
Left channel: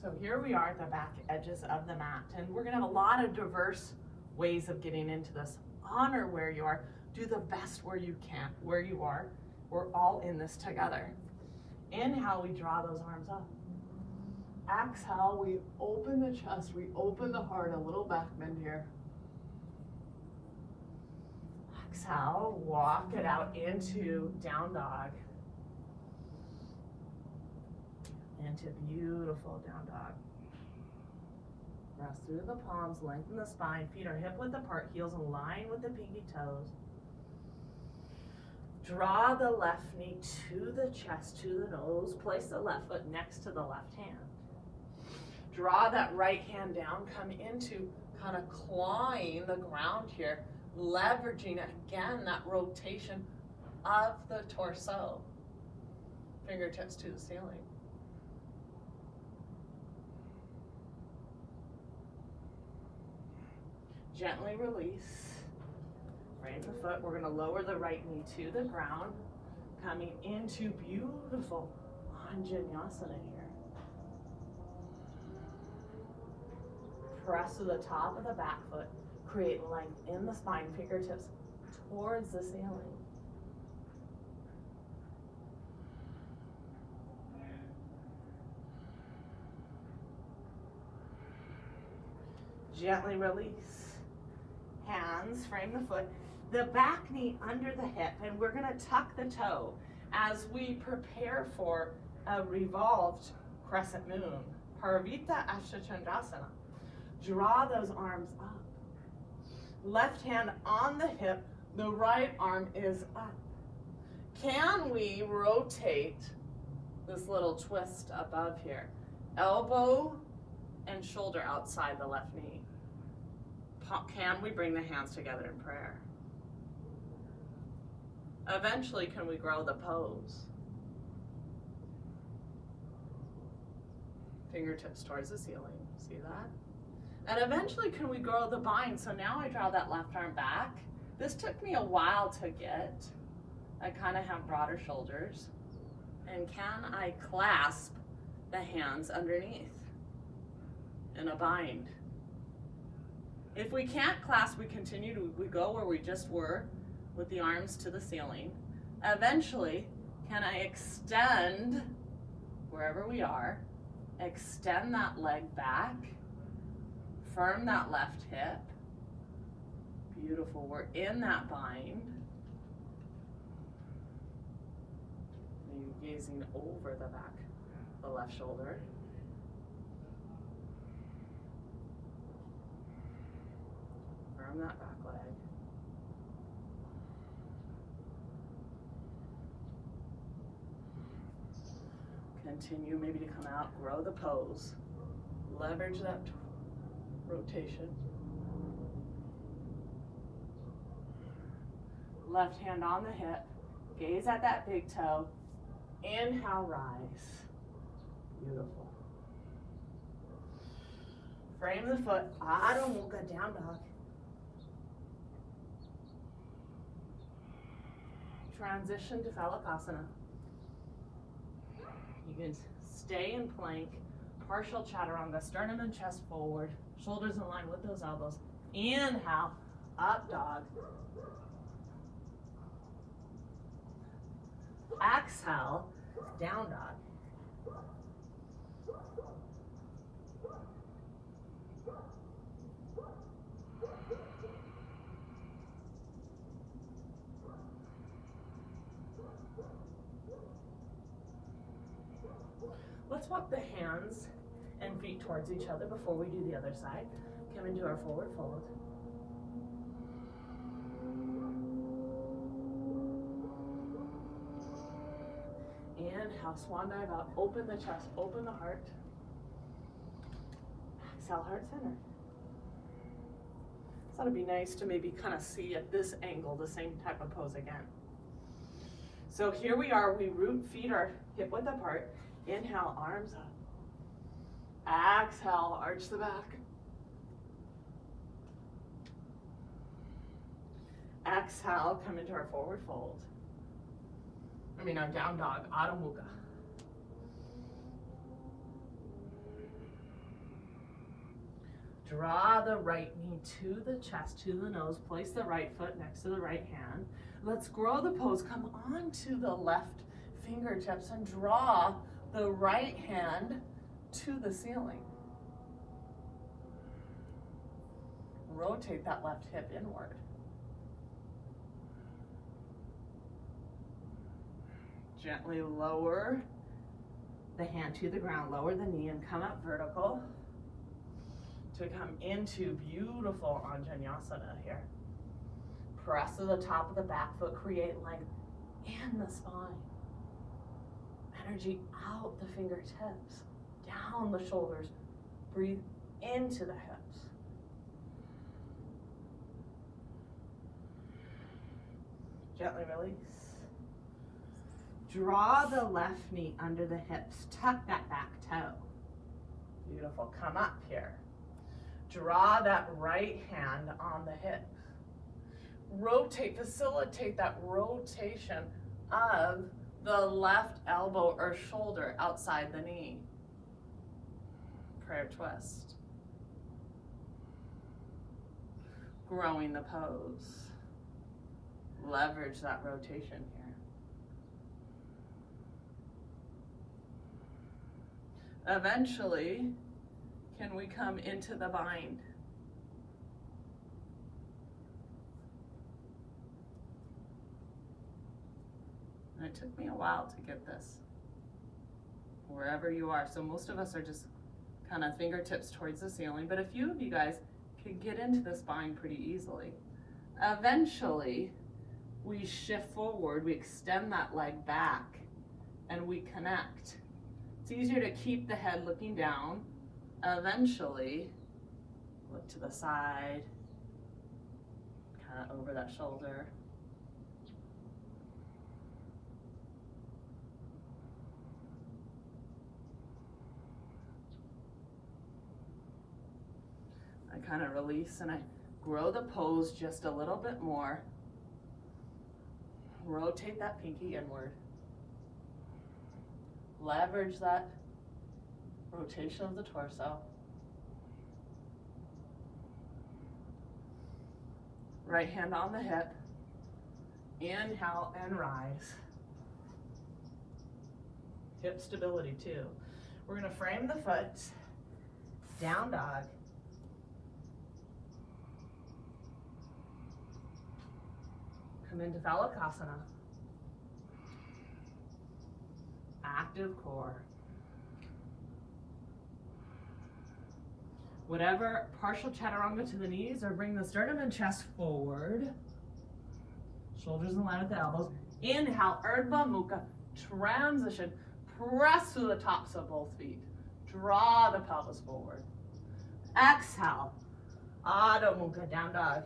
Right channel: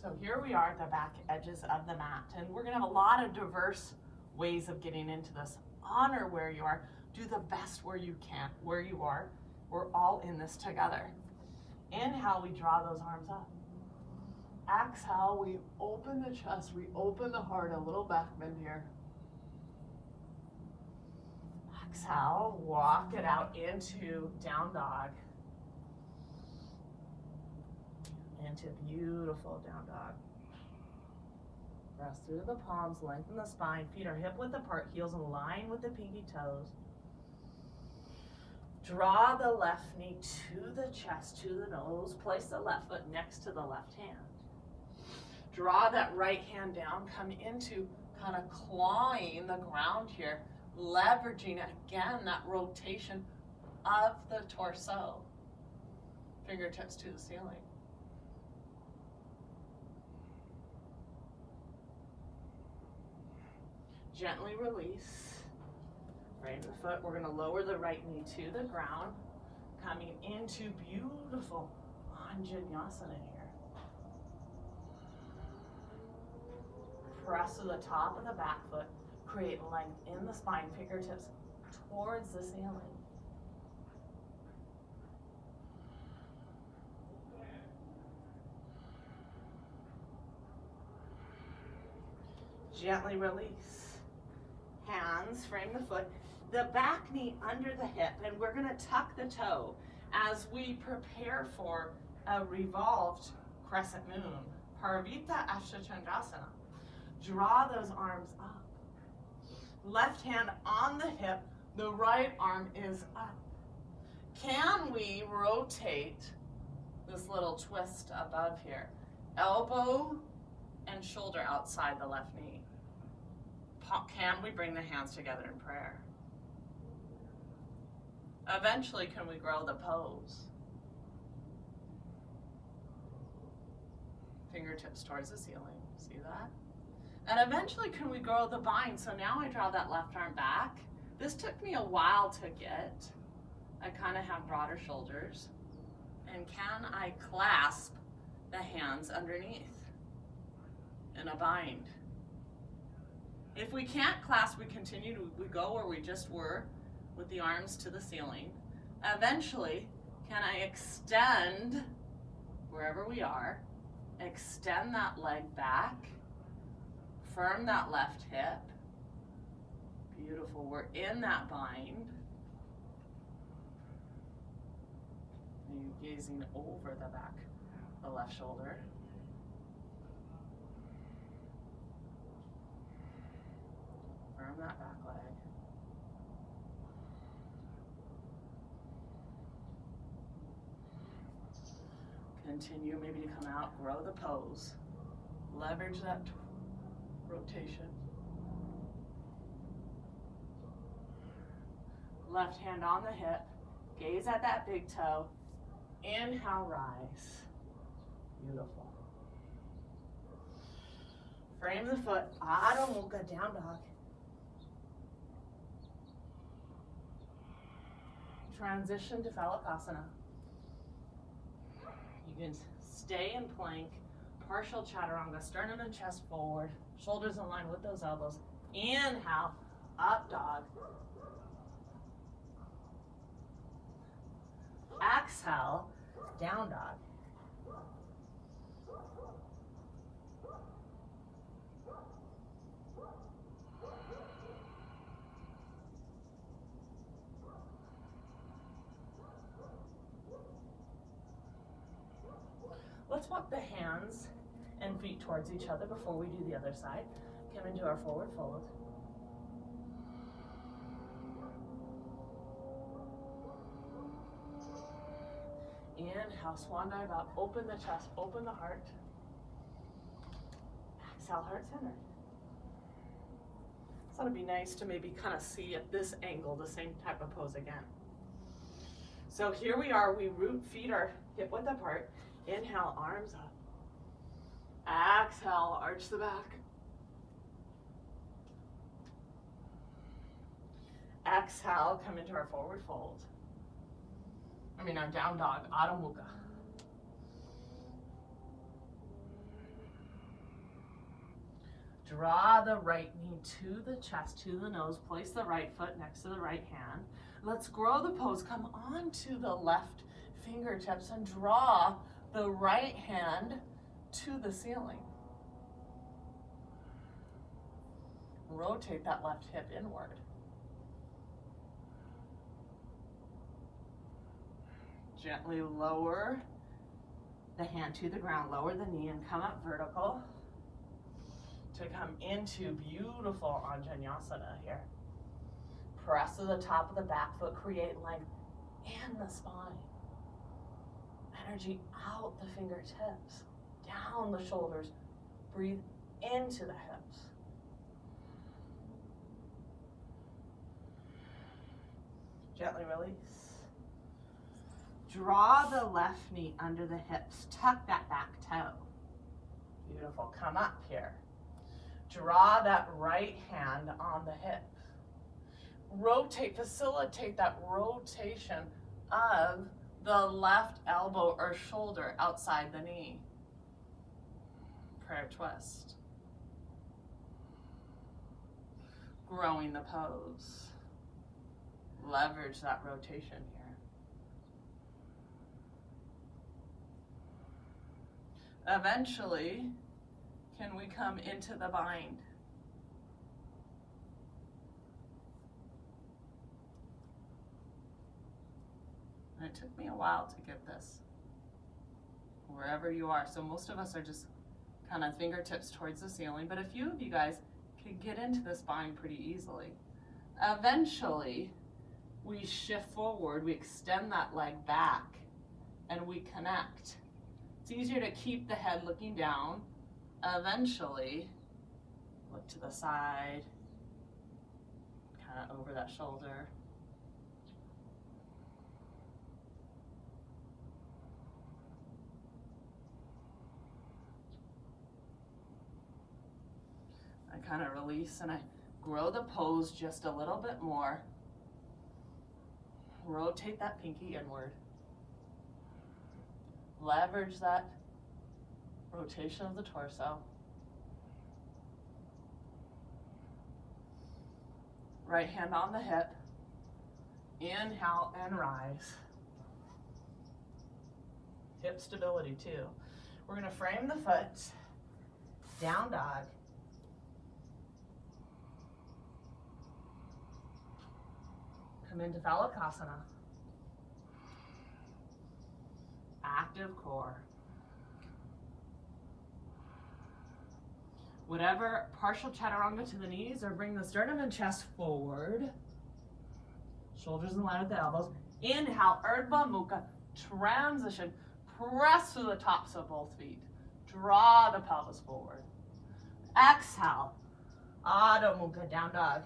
So here we are at the back edges of the mat, and we're gonna have a lot of diverse ways of getting into this. Honor where you are, do the best where you can, where you are. We're all in this together. Inhale, we draw those arms up. Exhale, we open the chest, we open the heart, a little back bend here. Exhale, walk it out into down dog. Into beautiful down dog. Rest through the palms, lengthen the spine, feet are hip width apart, heels in line with the pinky toes. Draw the left knee to the chest, to the nose. Place the left foot next to the left hand. Draw that right hand down, come into kind of clawing the ground here, leveraging again that rotation of the torso. Fingertips to the ceiling. Gently release. Frame the foot. We're going to lower the right knee to the ground, coming into beautiful Anjaneyasana here. Press to the top of the back foot. Create length in the spine, fingertips towards the ceiling. Gently release. Hands, frame the foot, the back knee under the hip, and we're gonna tuck the toe as we prepare for a revolved crescent moon, Parvita Ashtachandrasana. Draw those arms up. Left hand on the hip, the right arm is up. Can we rotate this little twist above here? Elbow and shoulder outside the left knee. Can we bring the hands together in prayer? Eventually, can we grow the pose? Fingertips towards the ceiling, see that? And eventually, can we grow the bind? So now I draw that left arm back. This took me a while to get. I kind of have broader shoulders. And can I clasp the hands underneath in a bind? If we can't clasp, we continue to, we go where we just were with the arms to the ceiling. Eventually, can I extend wherever we are, extend that leg back, firm that left hip. Beautiful, we're in that bind. Maybe gazing over the back, the left shoulder. Firm that back leg. Continue maybe to come out, grow the pose. Leverage that rotation. Left hand on the hip. Gaze at that big toe. Inhale, rise. Beautiful. Frame the foot. Adho Mukha, down dog. Transition to Phalakasana. You can stay in plank, partial chaturanga, sternum and chest forward, shoulders in line with those elbows. Inhale, up dog. Exhale, down dog. Let's walk the hands and feet towards each other before we do the other side. Come into our forward fold. Inhale, swan dive up, open the chest, open the heart. Exhale, heart center. So it'd be nice to maybe kind of see at this angle the same type of pose again. So here we are, we root, feet are hip width apart. Inhale, arms up. Exhale, arch the back. Exhale, come into our forward fold. Our down dog, Adho Mukha. Draw the right knee to the chest, to the nose. Place the right foot next to the right hand. Let's grow the pose. Come on to the left fingertips and draw the right hand to the ceiling. Rotate that left hip inward. Gently lower the hand to the ground, lower the knee and come up vertical to come into beautiful Anjaneyasana here. Press to the top of the back foot, create length in the spine. Energy out the fingertips, down the shoulders, breathe into the hips. Gently release. Draw the left knee under the hips. Tuck that back toe. Beautiful. Come up here. Draw that right hand on the hip. Rotate, facilitate that rotation of the left elbow or shoulder outside the knee. Prayer twist. Growing the pose. Leverage that rotation here. Eventually, can we come into the bind? And it took me a while to get this, wherever you are. So most of us are just kind of fingertips towards the ceiling, but a few of you guys can get into this bind pretty easily. Eventually, we shift forward, we extend that leg back, and we connect. It's easier to keep the head looking down. Eventually, look to the side, kind of over that shoulder. I kind of release and I grow the pose just a little bit more. Rotate that pinky inward. Leverage that rotation of the torso. Right hand on the hip. Inhale and rise. Hip stability too. We're going to frame the foot. Down dog. Come into Phalakasana. Active core. Whatever, partial chaturanga to the knees or bring the sternum and chest forward. Shoulders in line with the elbows. Inhale, Urdhva Mukha, transition. Press through the tops of both feet. Draw the pelvis forward. Exhale, Adho Mukha, down dog.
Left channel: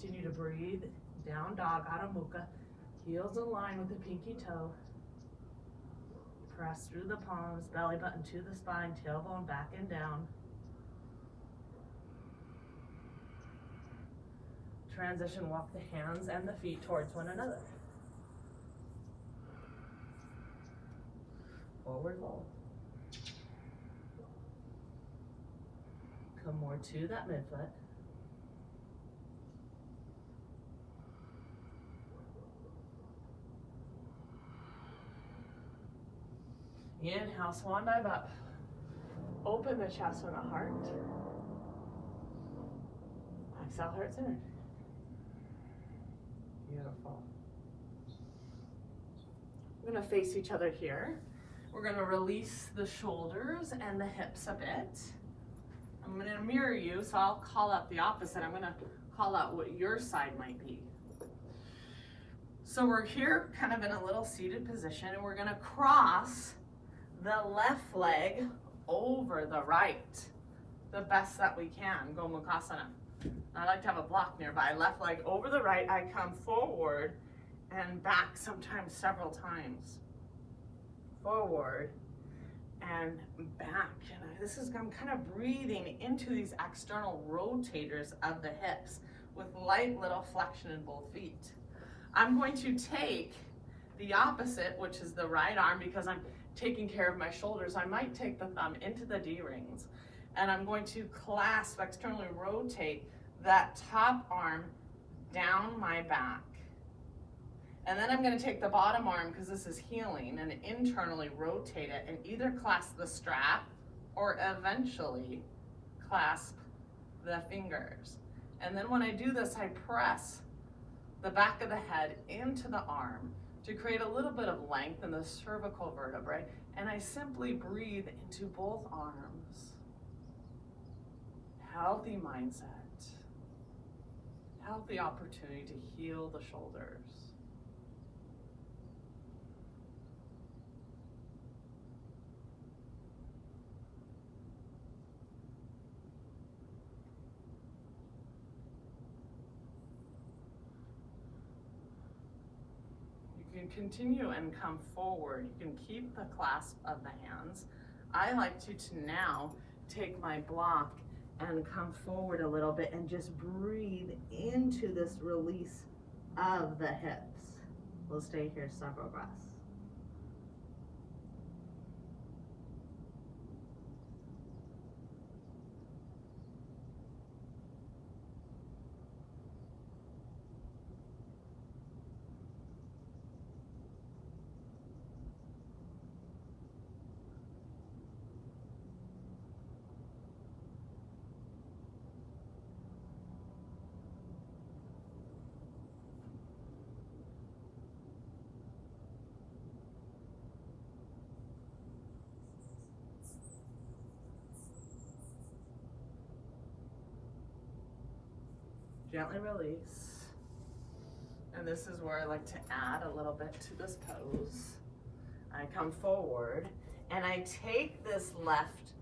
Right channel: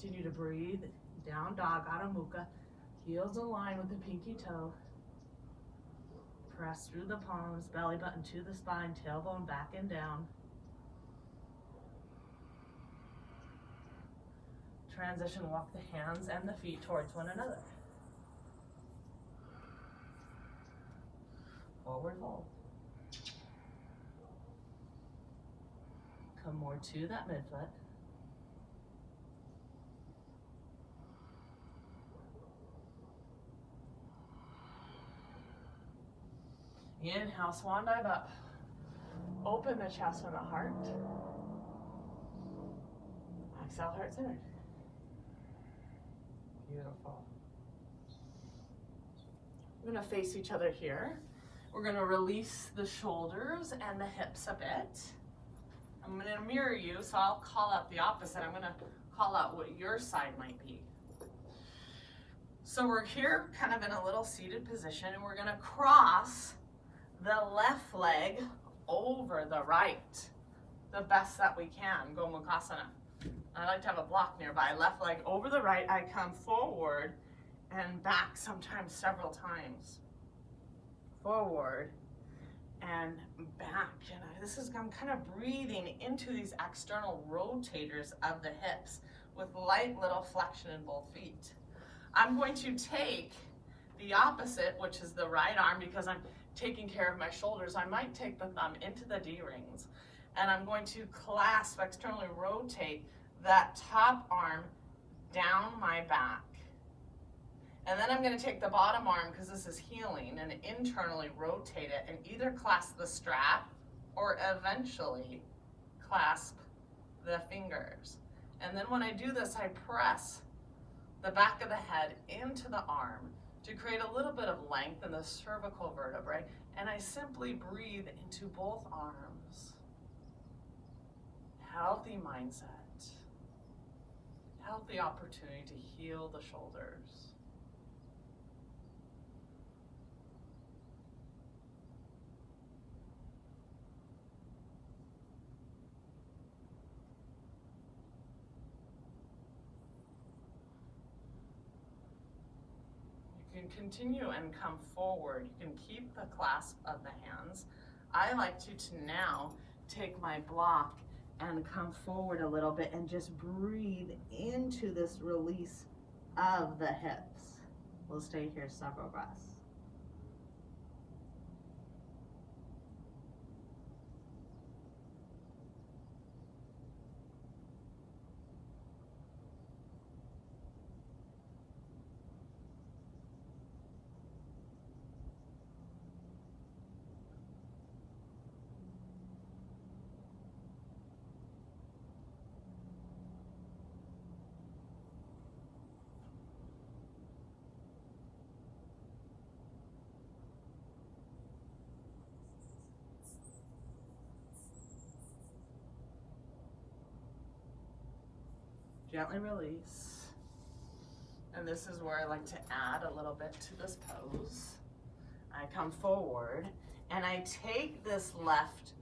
Continue to breathe. Down dog, Adho Mukha. Heels align with the pinky toe. Press through the palms, belly button to the spine, tailbone back and down. Transition, walk the hands and the feet towards one another. Forward fold. Come more to that midfoot. Inhale, swan dive up. Open the chest and the heart. Exhale, heart centered. Beautiful. We're gonna face each other here. We're gonna release the shoulders and the hips a bit. I'm gonna mirror you, so I'll call out the opposite. I'm gonna call out what your side might be. So we're here kind of in a little seated position, and we're gonna cross the left leg over the right, the best that we can, Gomukhasana. I like to have a block nearby. Left leg over the right, I come forward and back, sometimes several times. Forward and back. And I'm kind of breathing into these external rotators of the hips with light little flexion in both feet. I'm going to take the opposite, which is the right arm, because I'm taking care of my shoulders. I might take the thumb into the D-rings, and I'm going to clasp, externally rotate that top arm down my back. And then I'm going to take the bottom arm, because this is healing, and internally rotate it and either clasp the strap or eventually clasp the fingers. And then when I do this, I press the back of the head into the arm to create a little bit of length in the cervical vertebrae, and I simply breathe into both arms. Healthy mindset, healthy opportunity to heal the shoulders. You can continue and come forward. You can keep the clasp of the hands. I like to now take my block and come forward a little bit and just breathe into this release of the hips. We'll stay here several breaths. Gently release. And this is where I like to add a little bit to this pose. I come forward and I take this left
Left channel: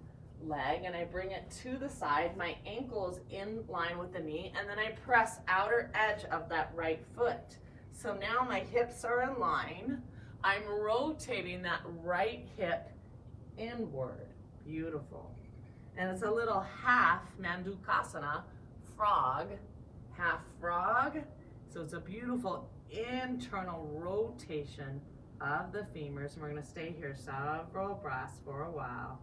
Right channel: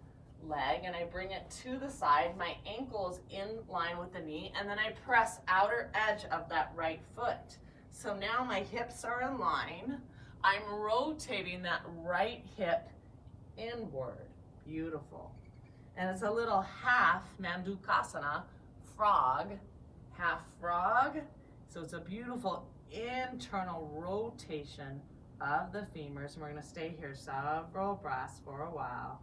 leg and I bring it to the side. My ankle is in line with the knee, and then I press outer edge of that right foot. So now my hips are in line. I'm rotating that right hip inward. Beautiful. And it's a little half Mandukasana, frog, half frog. So it's a beautiful internal rotation of the femurs, and we're going to stay here several breaths for a while.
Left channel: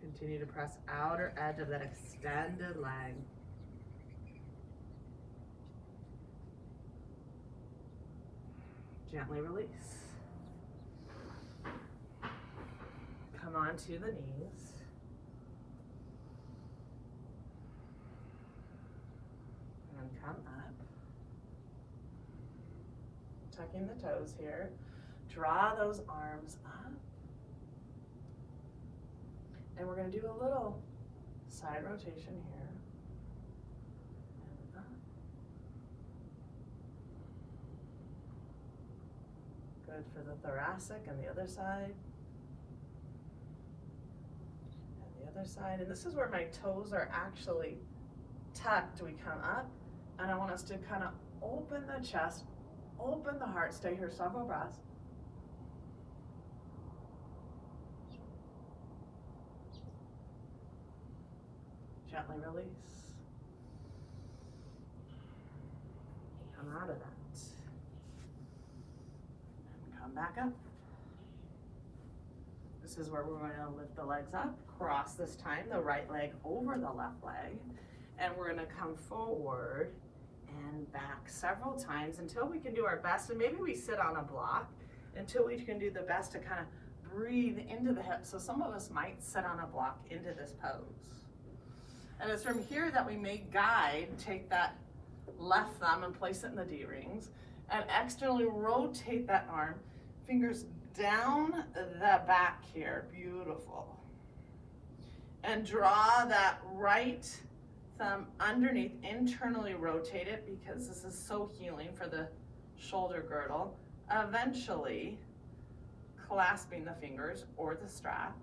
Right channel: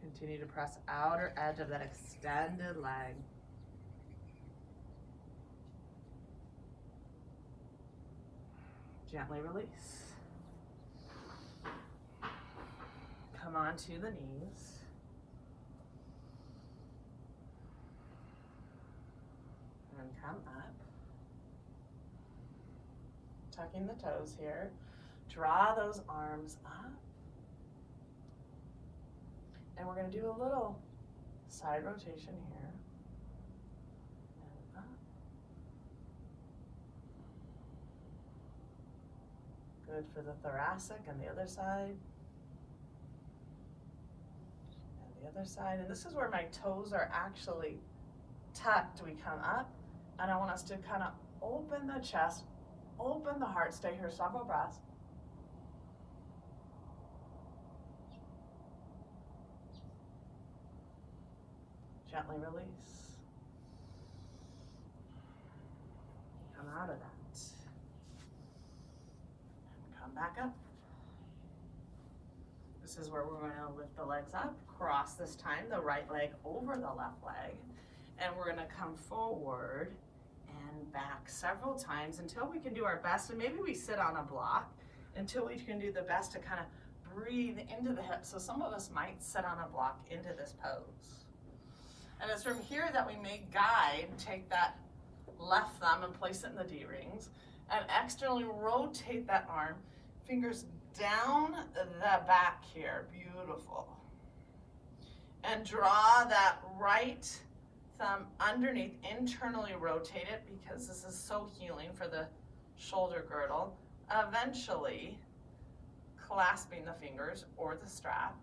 Continue to press outer edge of that extended leg. Gently release. Come onto the knees. And come up. Tucking the toes here. Draw those arms up. And we're going to do a little side rotation here. And up. Good for the thoracic and the other side. And the other side. And this is where my toes are actually tucked. We come up, and I want us to kind of open the chest, open the heart. Stay here several breaths. Gently release. Come out of that. And come back up. This is where we're going to lift the legs up, cross this time the right leg over the left leg, and we're going to come forward and back several times until we can do our best, and maybe we sit on a block until we can do the best to kind of breathe into the hips. So some of us might sit on a block into this pose. And it's from here that we may guide, take that left thumb and place it in the D-rings, and externally rotate that arm, fingers down the back here, beautiful. And draw that right thumb underneath, internally rotate it because this is so healing for the shoulder girdle. Eventually, clasping the fingers or the strap,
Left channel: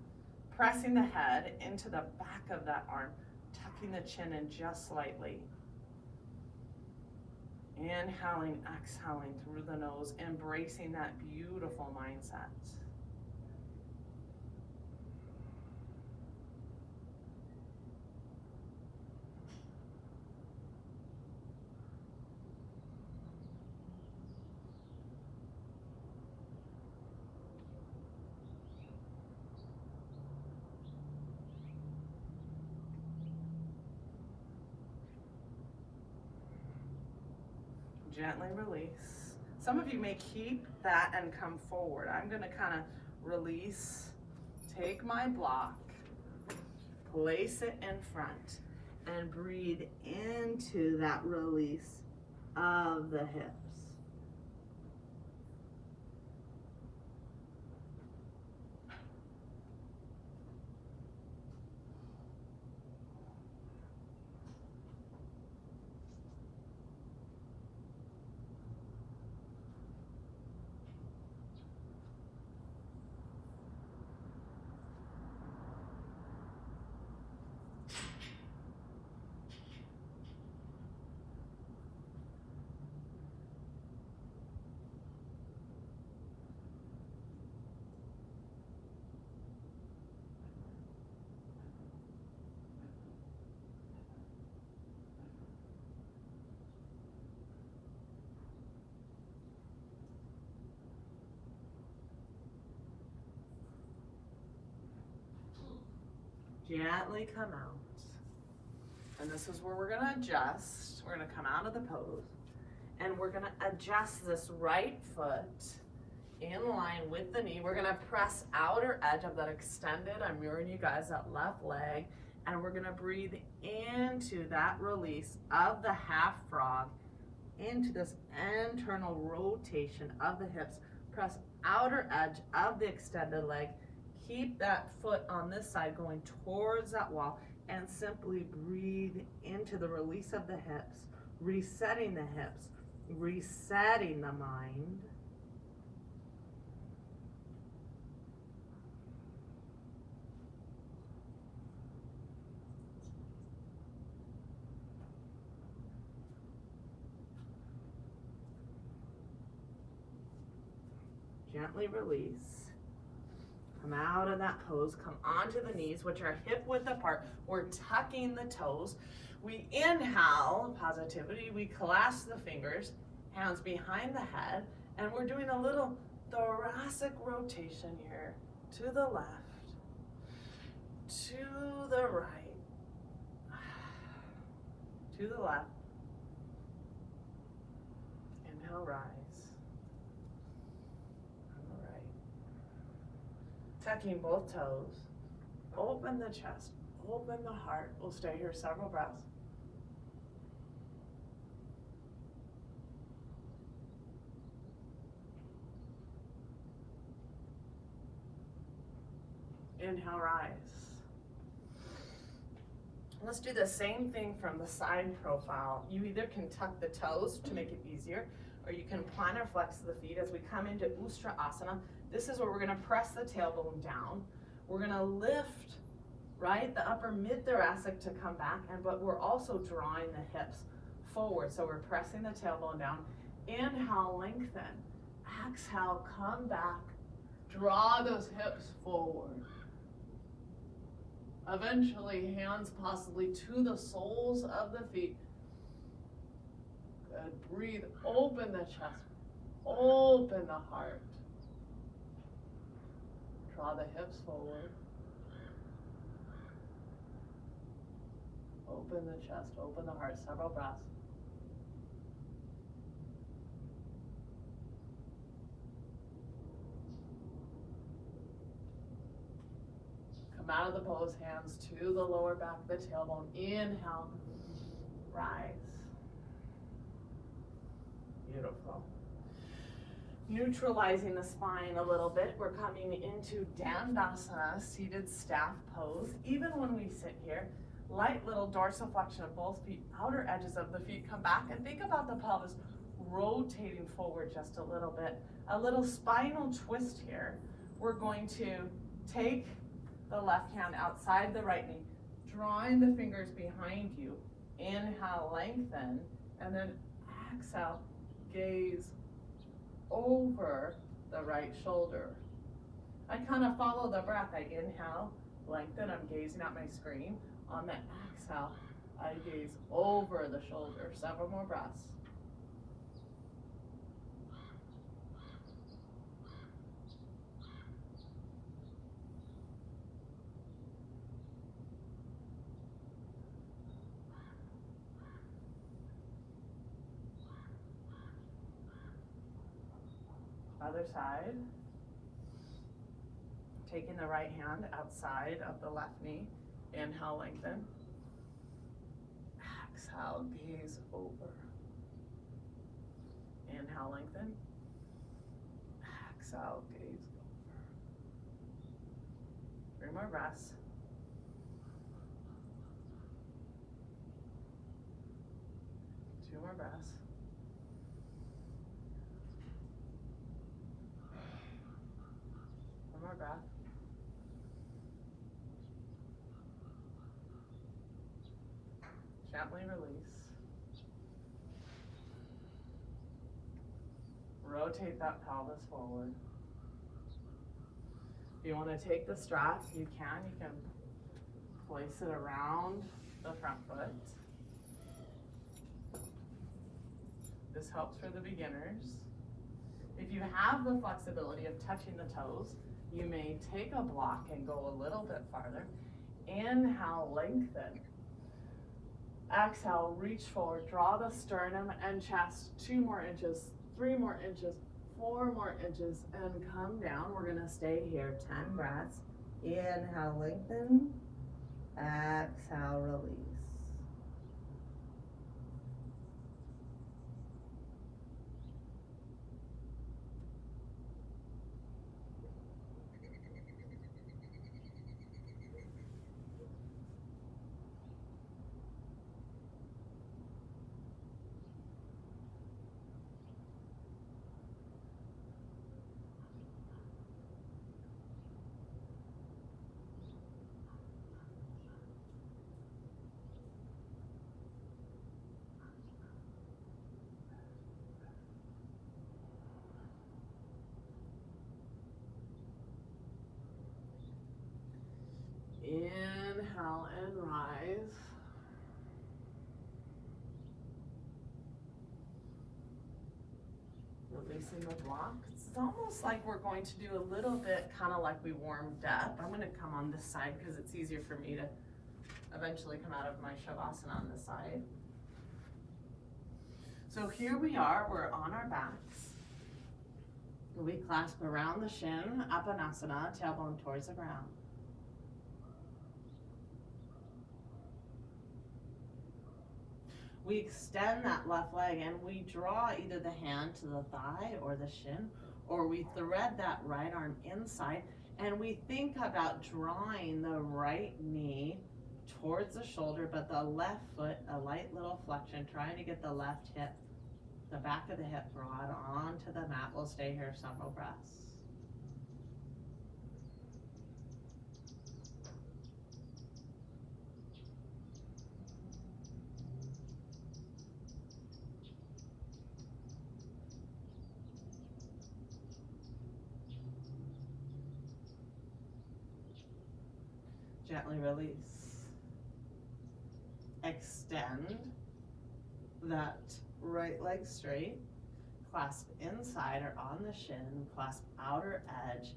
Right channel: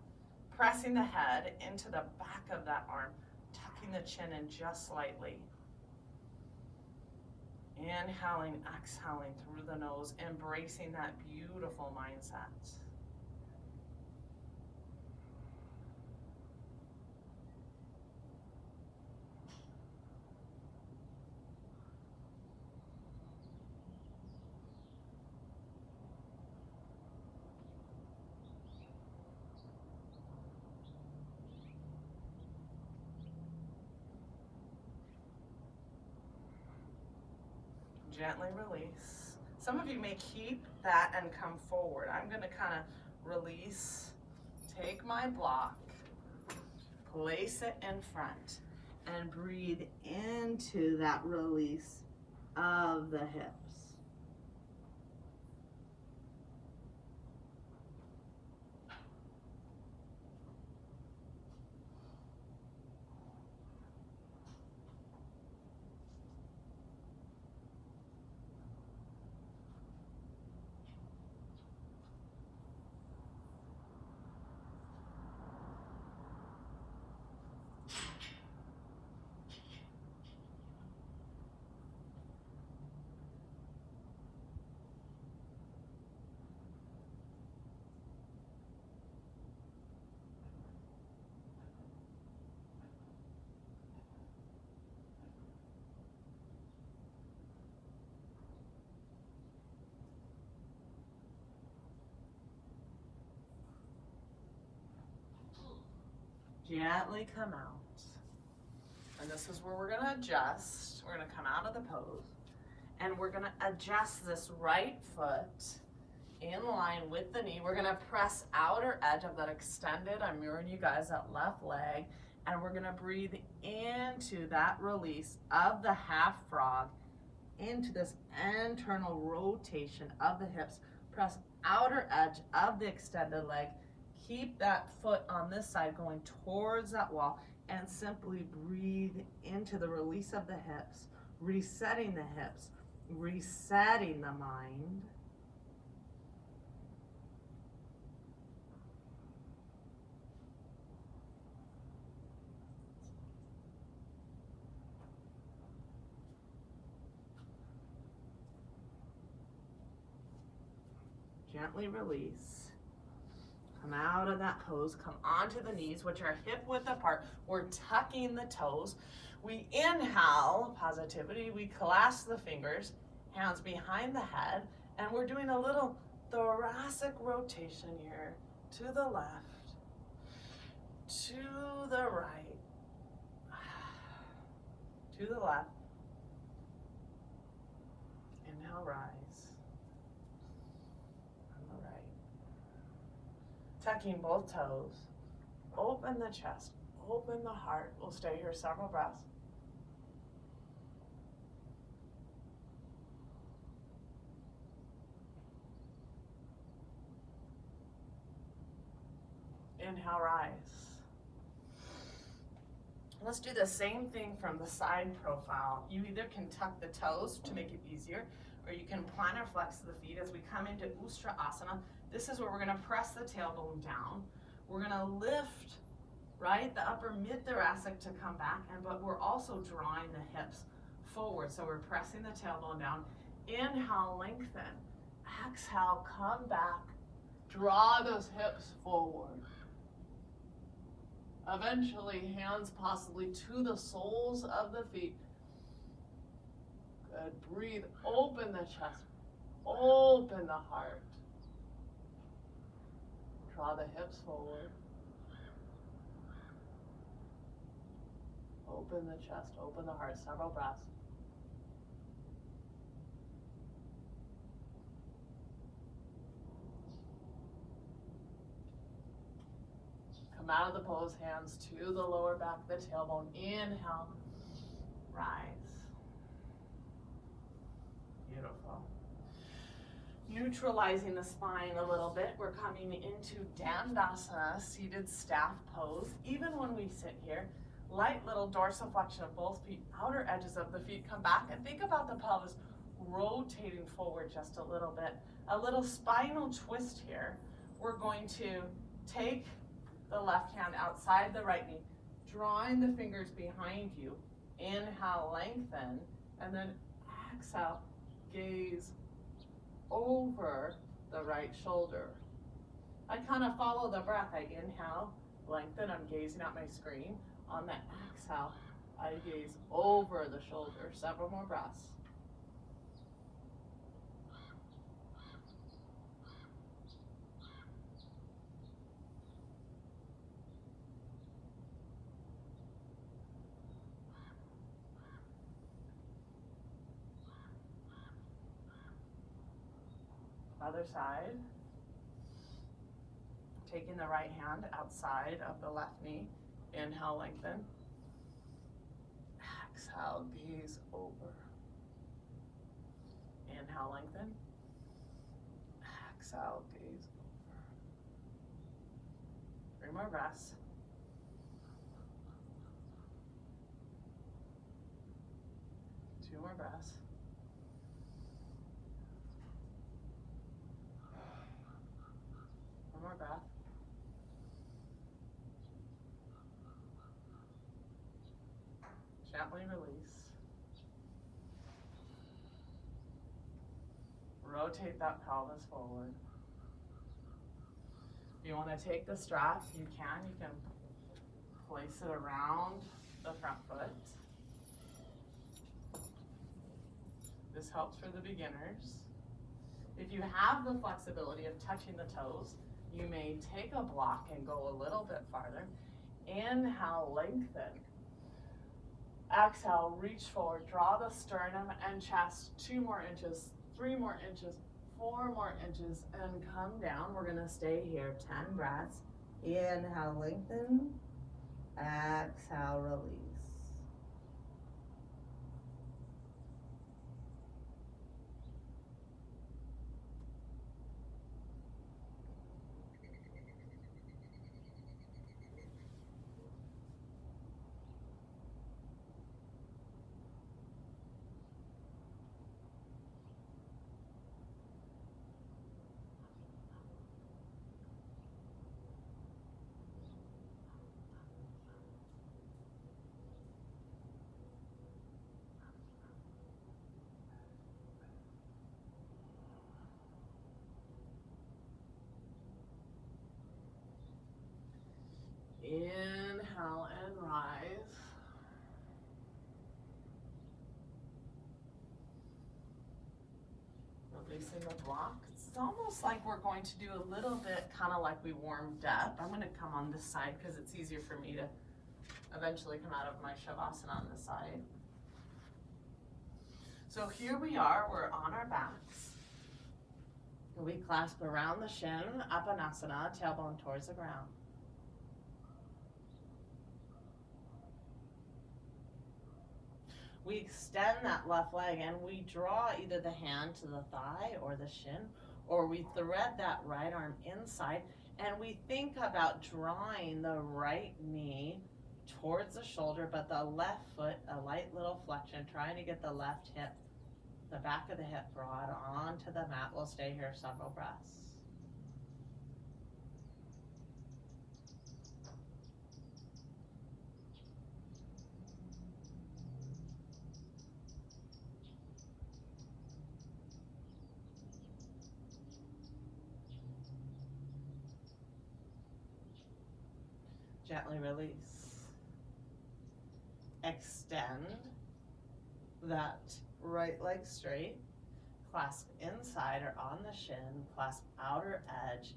pressing the head into the back of that arm, tucking the chin in just slightly. Inhaling, exhaling through the nose, embracing that beautiful mindset. Gently release. Some of you may keep that and come forward. I'm going to kind of release, take my block, place it in front, and breathe into that release of the hips. Gently come out. And this is where we're going to adjust. We're going to come out of the pose. And we're going to adjust this right foot in line with the knee. We're going to press outer edge of that extended. I'm mirroring you guys, that left leg. And we're going to breathe into that release of the half frog, into this internal rotation of the hips. Press outer edge of the extended leg. Keep that foot on this side going towards that wall, and simply breathe into the release of the hips, resetting the hips, resetting the mind. Gently release. Come out of that pose, come onto the knees, which are hip width apart. We're tucking the toes. We inhale, positivity. We clasp the fingers, hands behind the head, and we're doing a little thoracic rotation here. To the left, to the right, to the left. Inhale, rise. Tucking both toes, open the chest, open the heart. We'll stay here several breaths. Inhale, rise. Let's do the same thing from the side profile. You either can tuck the toes to make it easier, or you can plantar flex the feet as we come into Ustrasana. This is where we're going to press the tailbone down. We're going to lift, right, the upper mid-thoracic to come back, but we're also drawing the hips forward. So we're pressing the tailbone down. Inhale, lengthen. Exhale, come back. Draw those hips forward. Eventually, hands possibly to the soles of the feet. Good. Breathe. Open the chest. Open the heart. Draw the hips forward. Open the chest, open the heart, several breaths. Come out of the pose, hands to the lower back of the tailbone. Inhale, rise. Beautiful. Neutralizing the spine a little bit, we're coming into Dandasana, seated staff pose. Even when we sit here, light little dorsiflexion of both feet, outer edges of the feet come back, and think about the pelvis rotating forward just a little bit. A little spinal twist here. We're going to take the left hand outside the right knee, drawing the fingers behind you. Inhale, lengthen, and then exhale, gaze over the right shoulder. I kind of follow the breath. I inhale, lengthen, I'm gazing at my screen. On the exhale, I gaze over the shoulder. Several more breaths. Other side. Taking the right hand outside of the left knee. Inhale, lengthen. Exhale, gaze over. Inhale, lengthen. Exhale, gaze over. 3 more breaths. Two more breaths. One more breath. Gently release. Rotate that pelvis forward. If you want to take the strap, you can. You can place it around the front foot. This helps for the beginners. If you have the flexibility of touching the toes, you may take a block and go a little bit farther. Inhale, lengthen. Exhale, reach forward, draw the sternum and chest 2 more inches, 3 more inches, 4 more inches, and come down. We're gonna stay here, 10 breaths. Inhale, lengthen. Exhale, release. Inhale and rise. Releasing the block. It's almost like we're going to do a little bit kind of like we warmed up. I'm going to come on this side because it's easier for me to eventually come out of my Shavasana on this side. So here we are, we're on our backs. We clasp around the shin, Apanasana, tailbone towards the ground. We extend that left leg and we draw either the hand to the thigh or the shin, or we thread that right arm inside and we think about drawing the right knee towards the shoulder, but the left foot, a light little flexion, trying to get the left hip, the back of the hip broad onto the mat. We'll stay here several breaths. Gently release. Extend that right leg straight. Clasp inside or on the shin. Clasp outer edge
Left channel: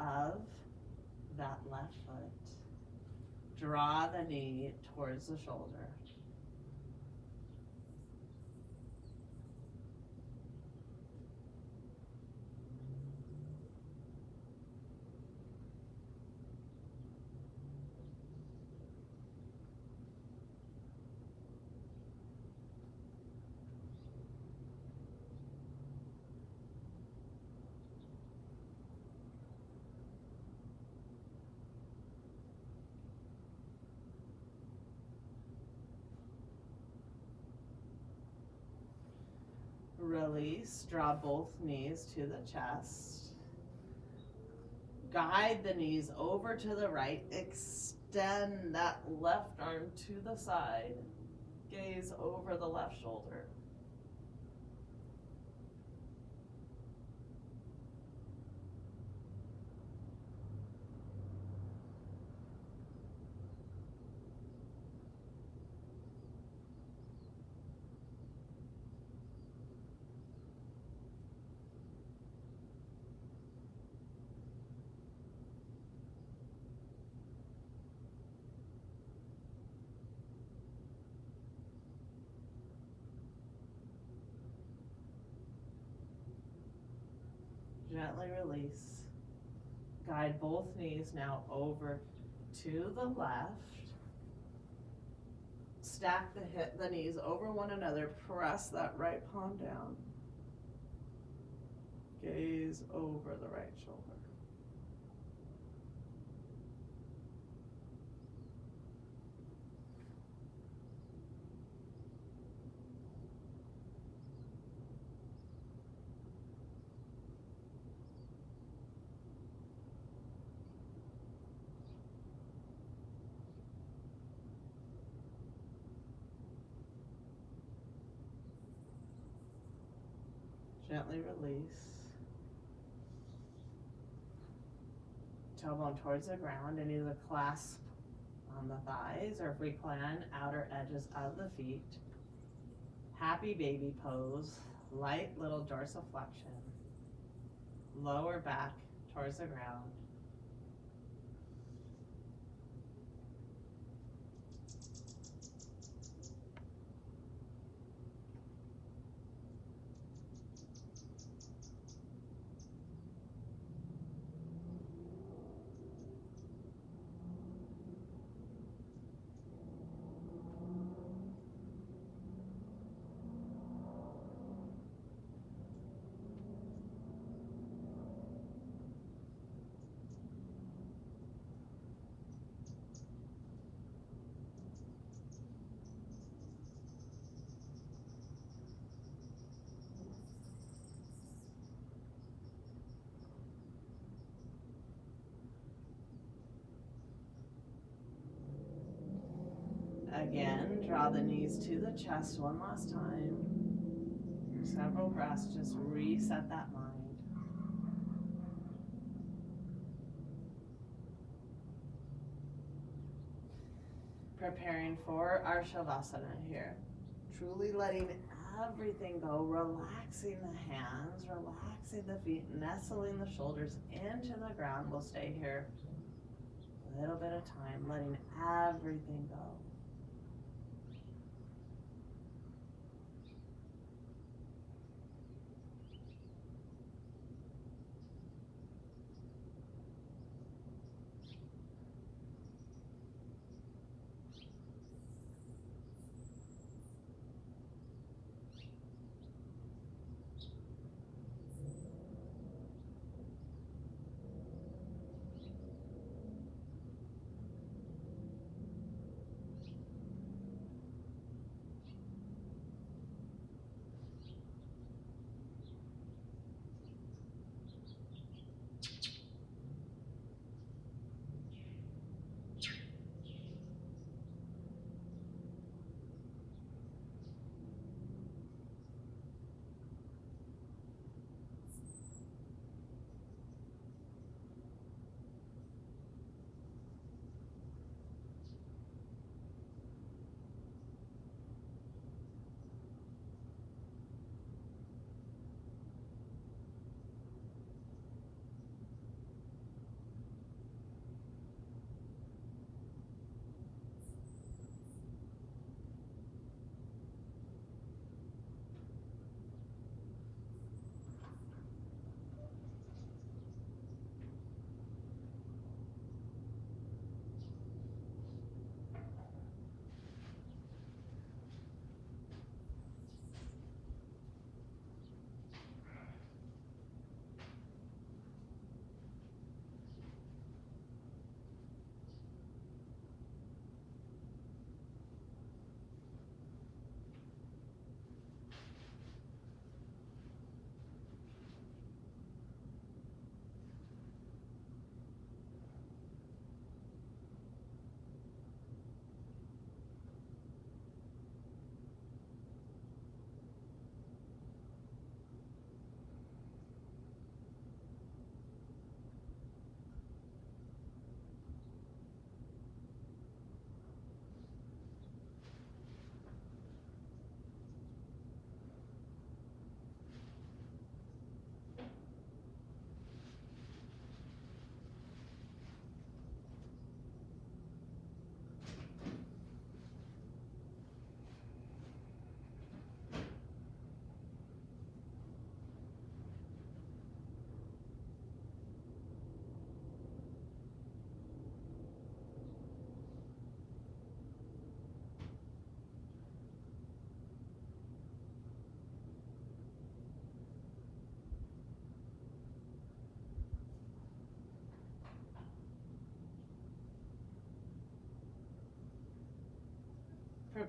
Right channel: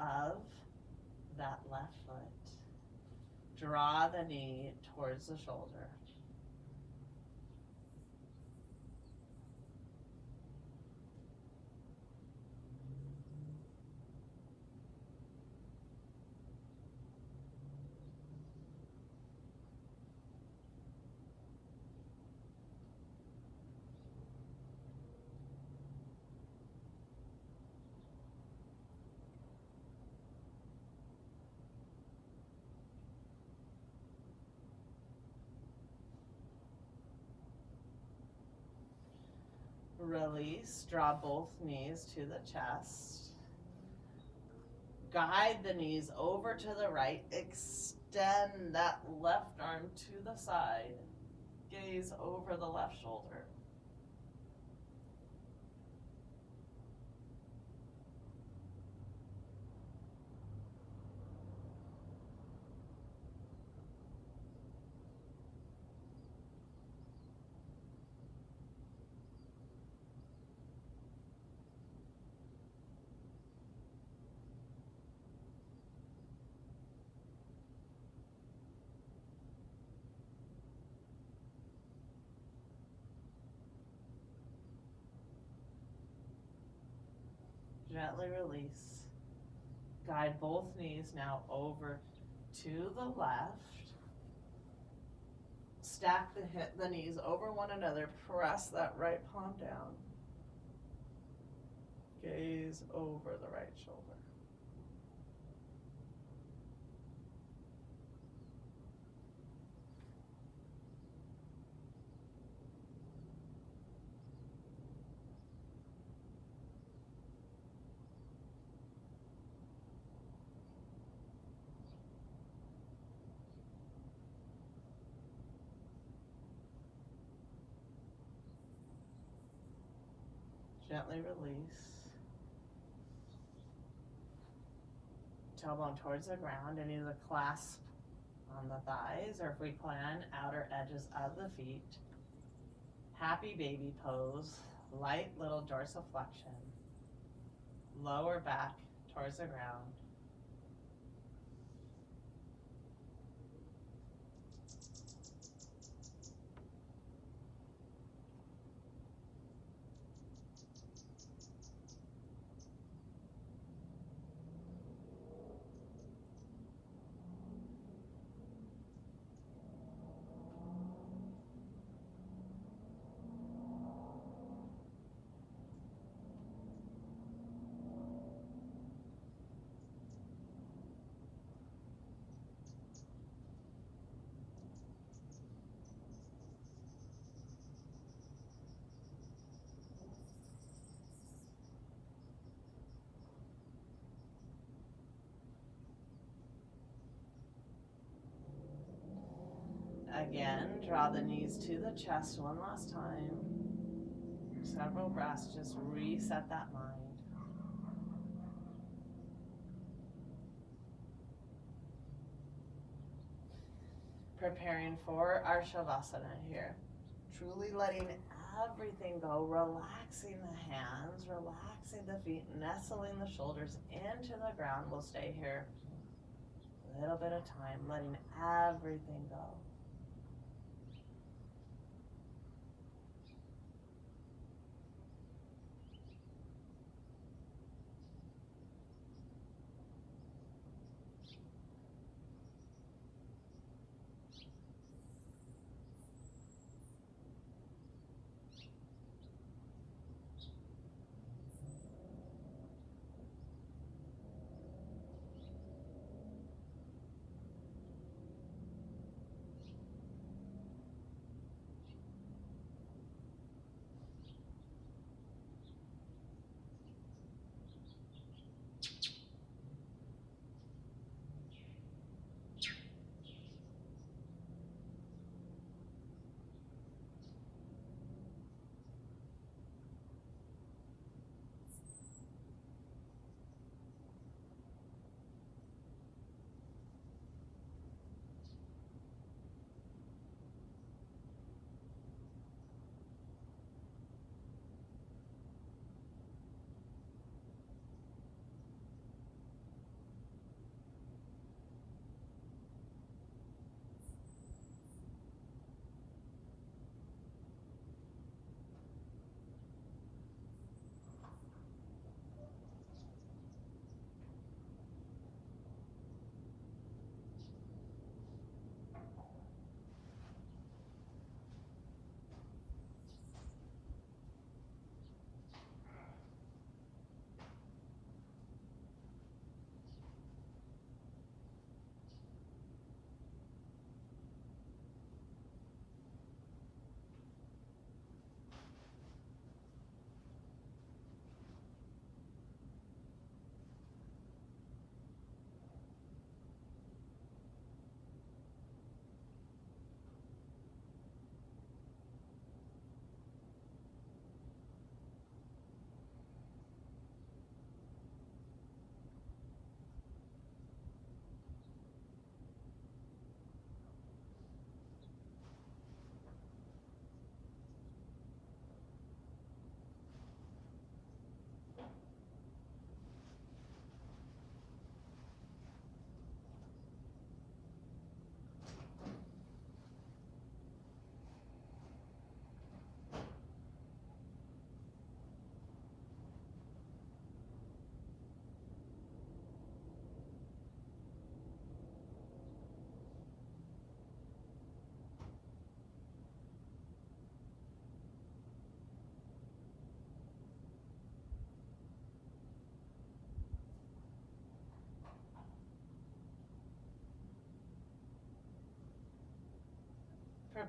of that left foot. Draw the knee towards the shoulder. Release, draw both knees to the chest. Guide the knees over to the right. Extend that left arm to the side. Gaze over the left shoulder. Gently release. Guide both knees now over to the left. Stack the knees over one another. Press that right palm down. Gaze over the right shoulder. Gently release. Tailbone towards the ground and either clasp on the thighs, or if we can, outer edges of the feet. Happy baby pose, light little dorsiflexion. Lower back towards the ground. Again, draw the knees to the chest one last time. Several breaths, just reset that mind. Preparing for our Shavasana here. Truly letting everything go, relaxing the hands, relaxing the feet, nestling the shoulders into the ground. We'll stay here a little bit of time, letting everything go.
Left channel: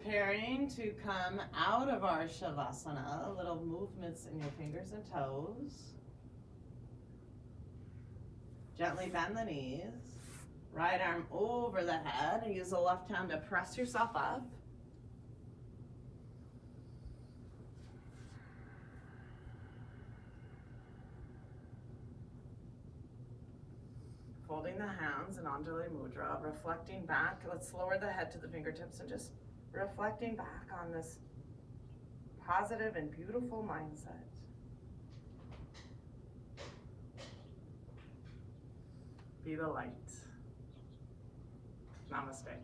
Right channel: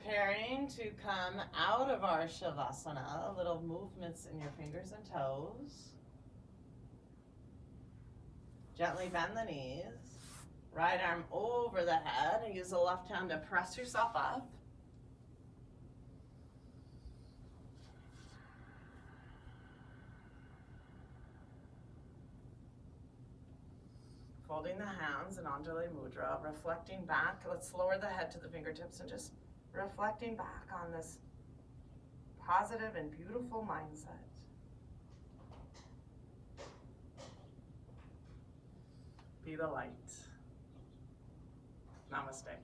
Preparing to come out of our Shavasana, little movements in your fingers and toes. Gently bend the knees. Right arm over the head and use the left hand to press yourself up. Folding the hands in Anjali Mudra, reflecting back. Let's lower the head to the fingertips and just reflecting back on this positive and beautiful mindset. Be the light. Namaste.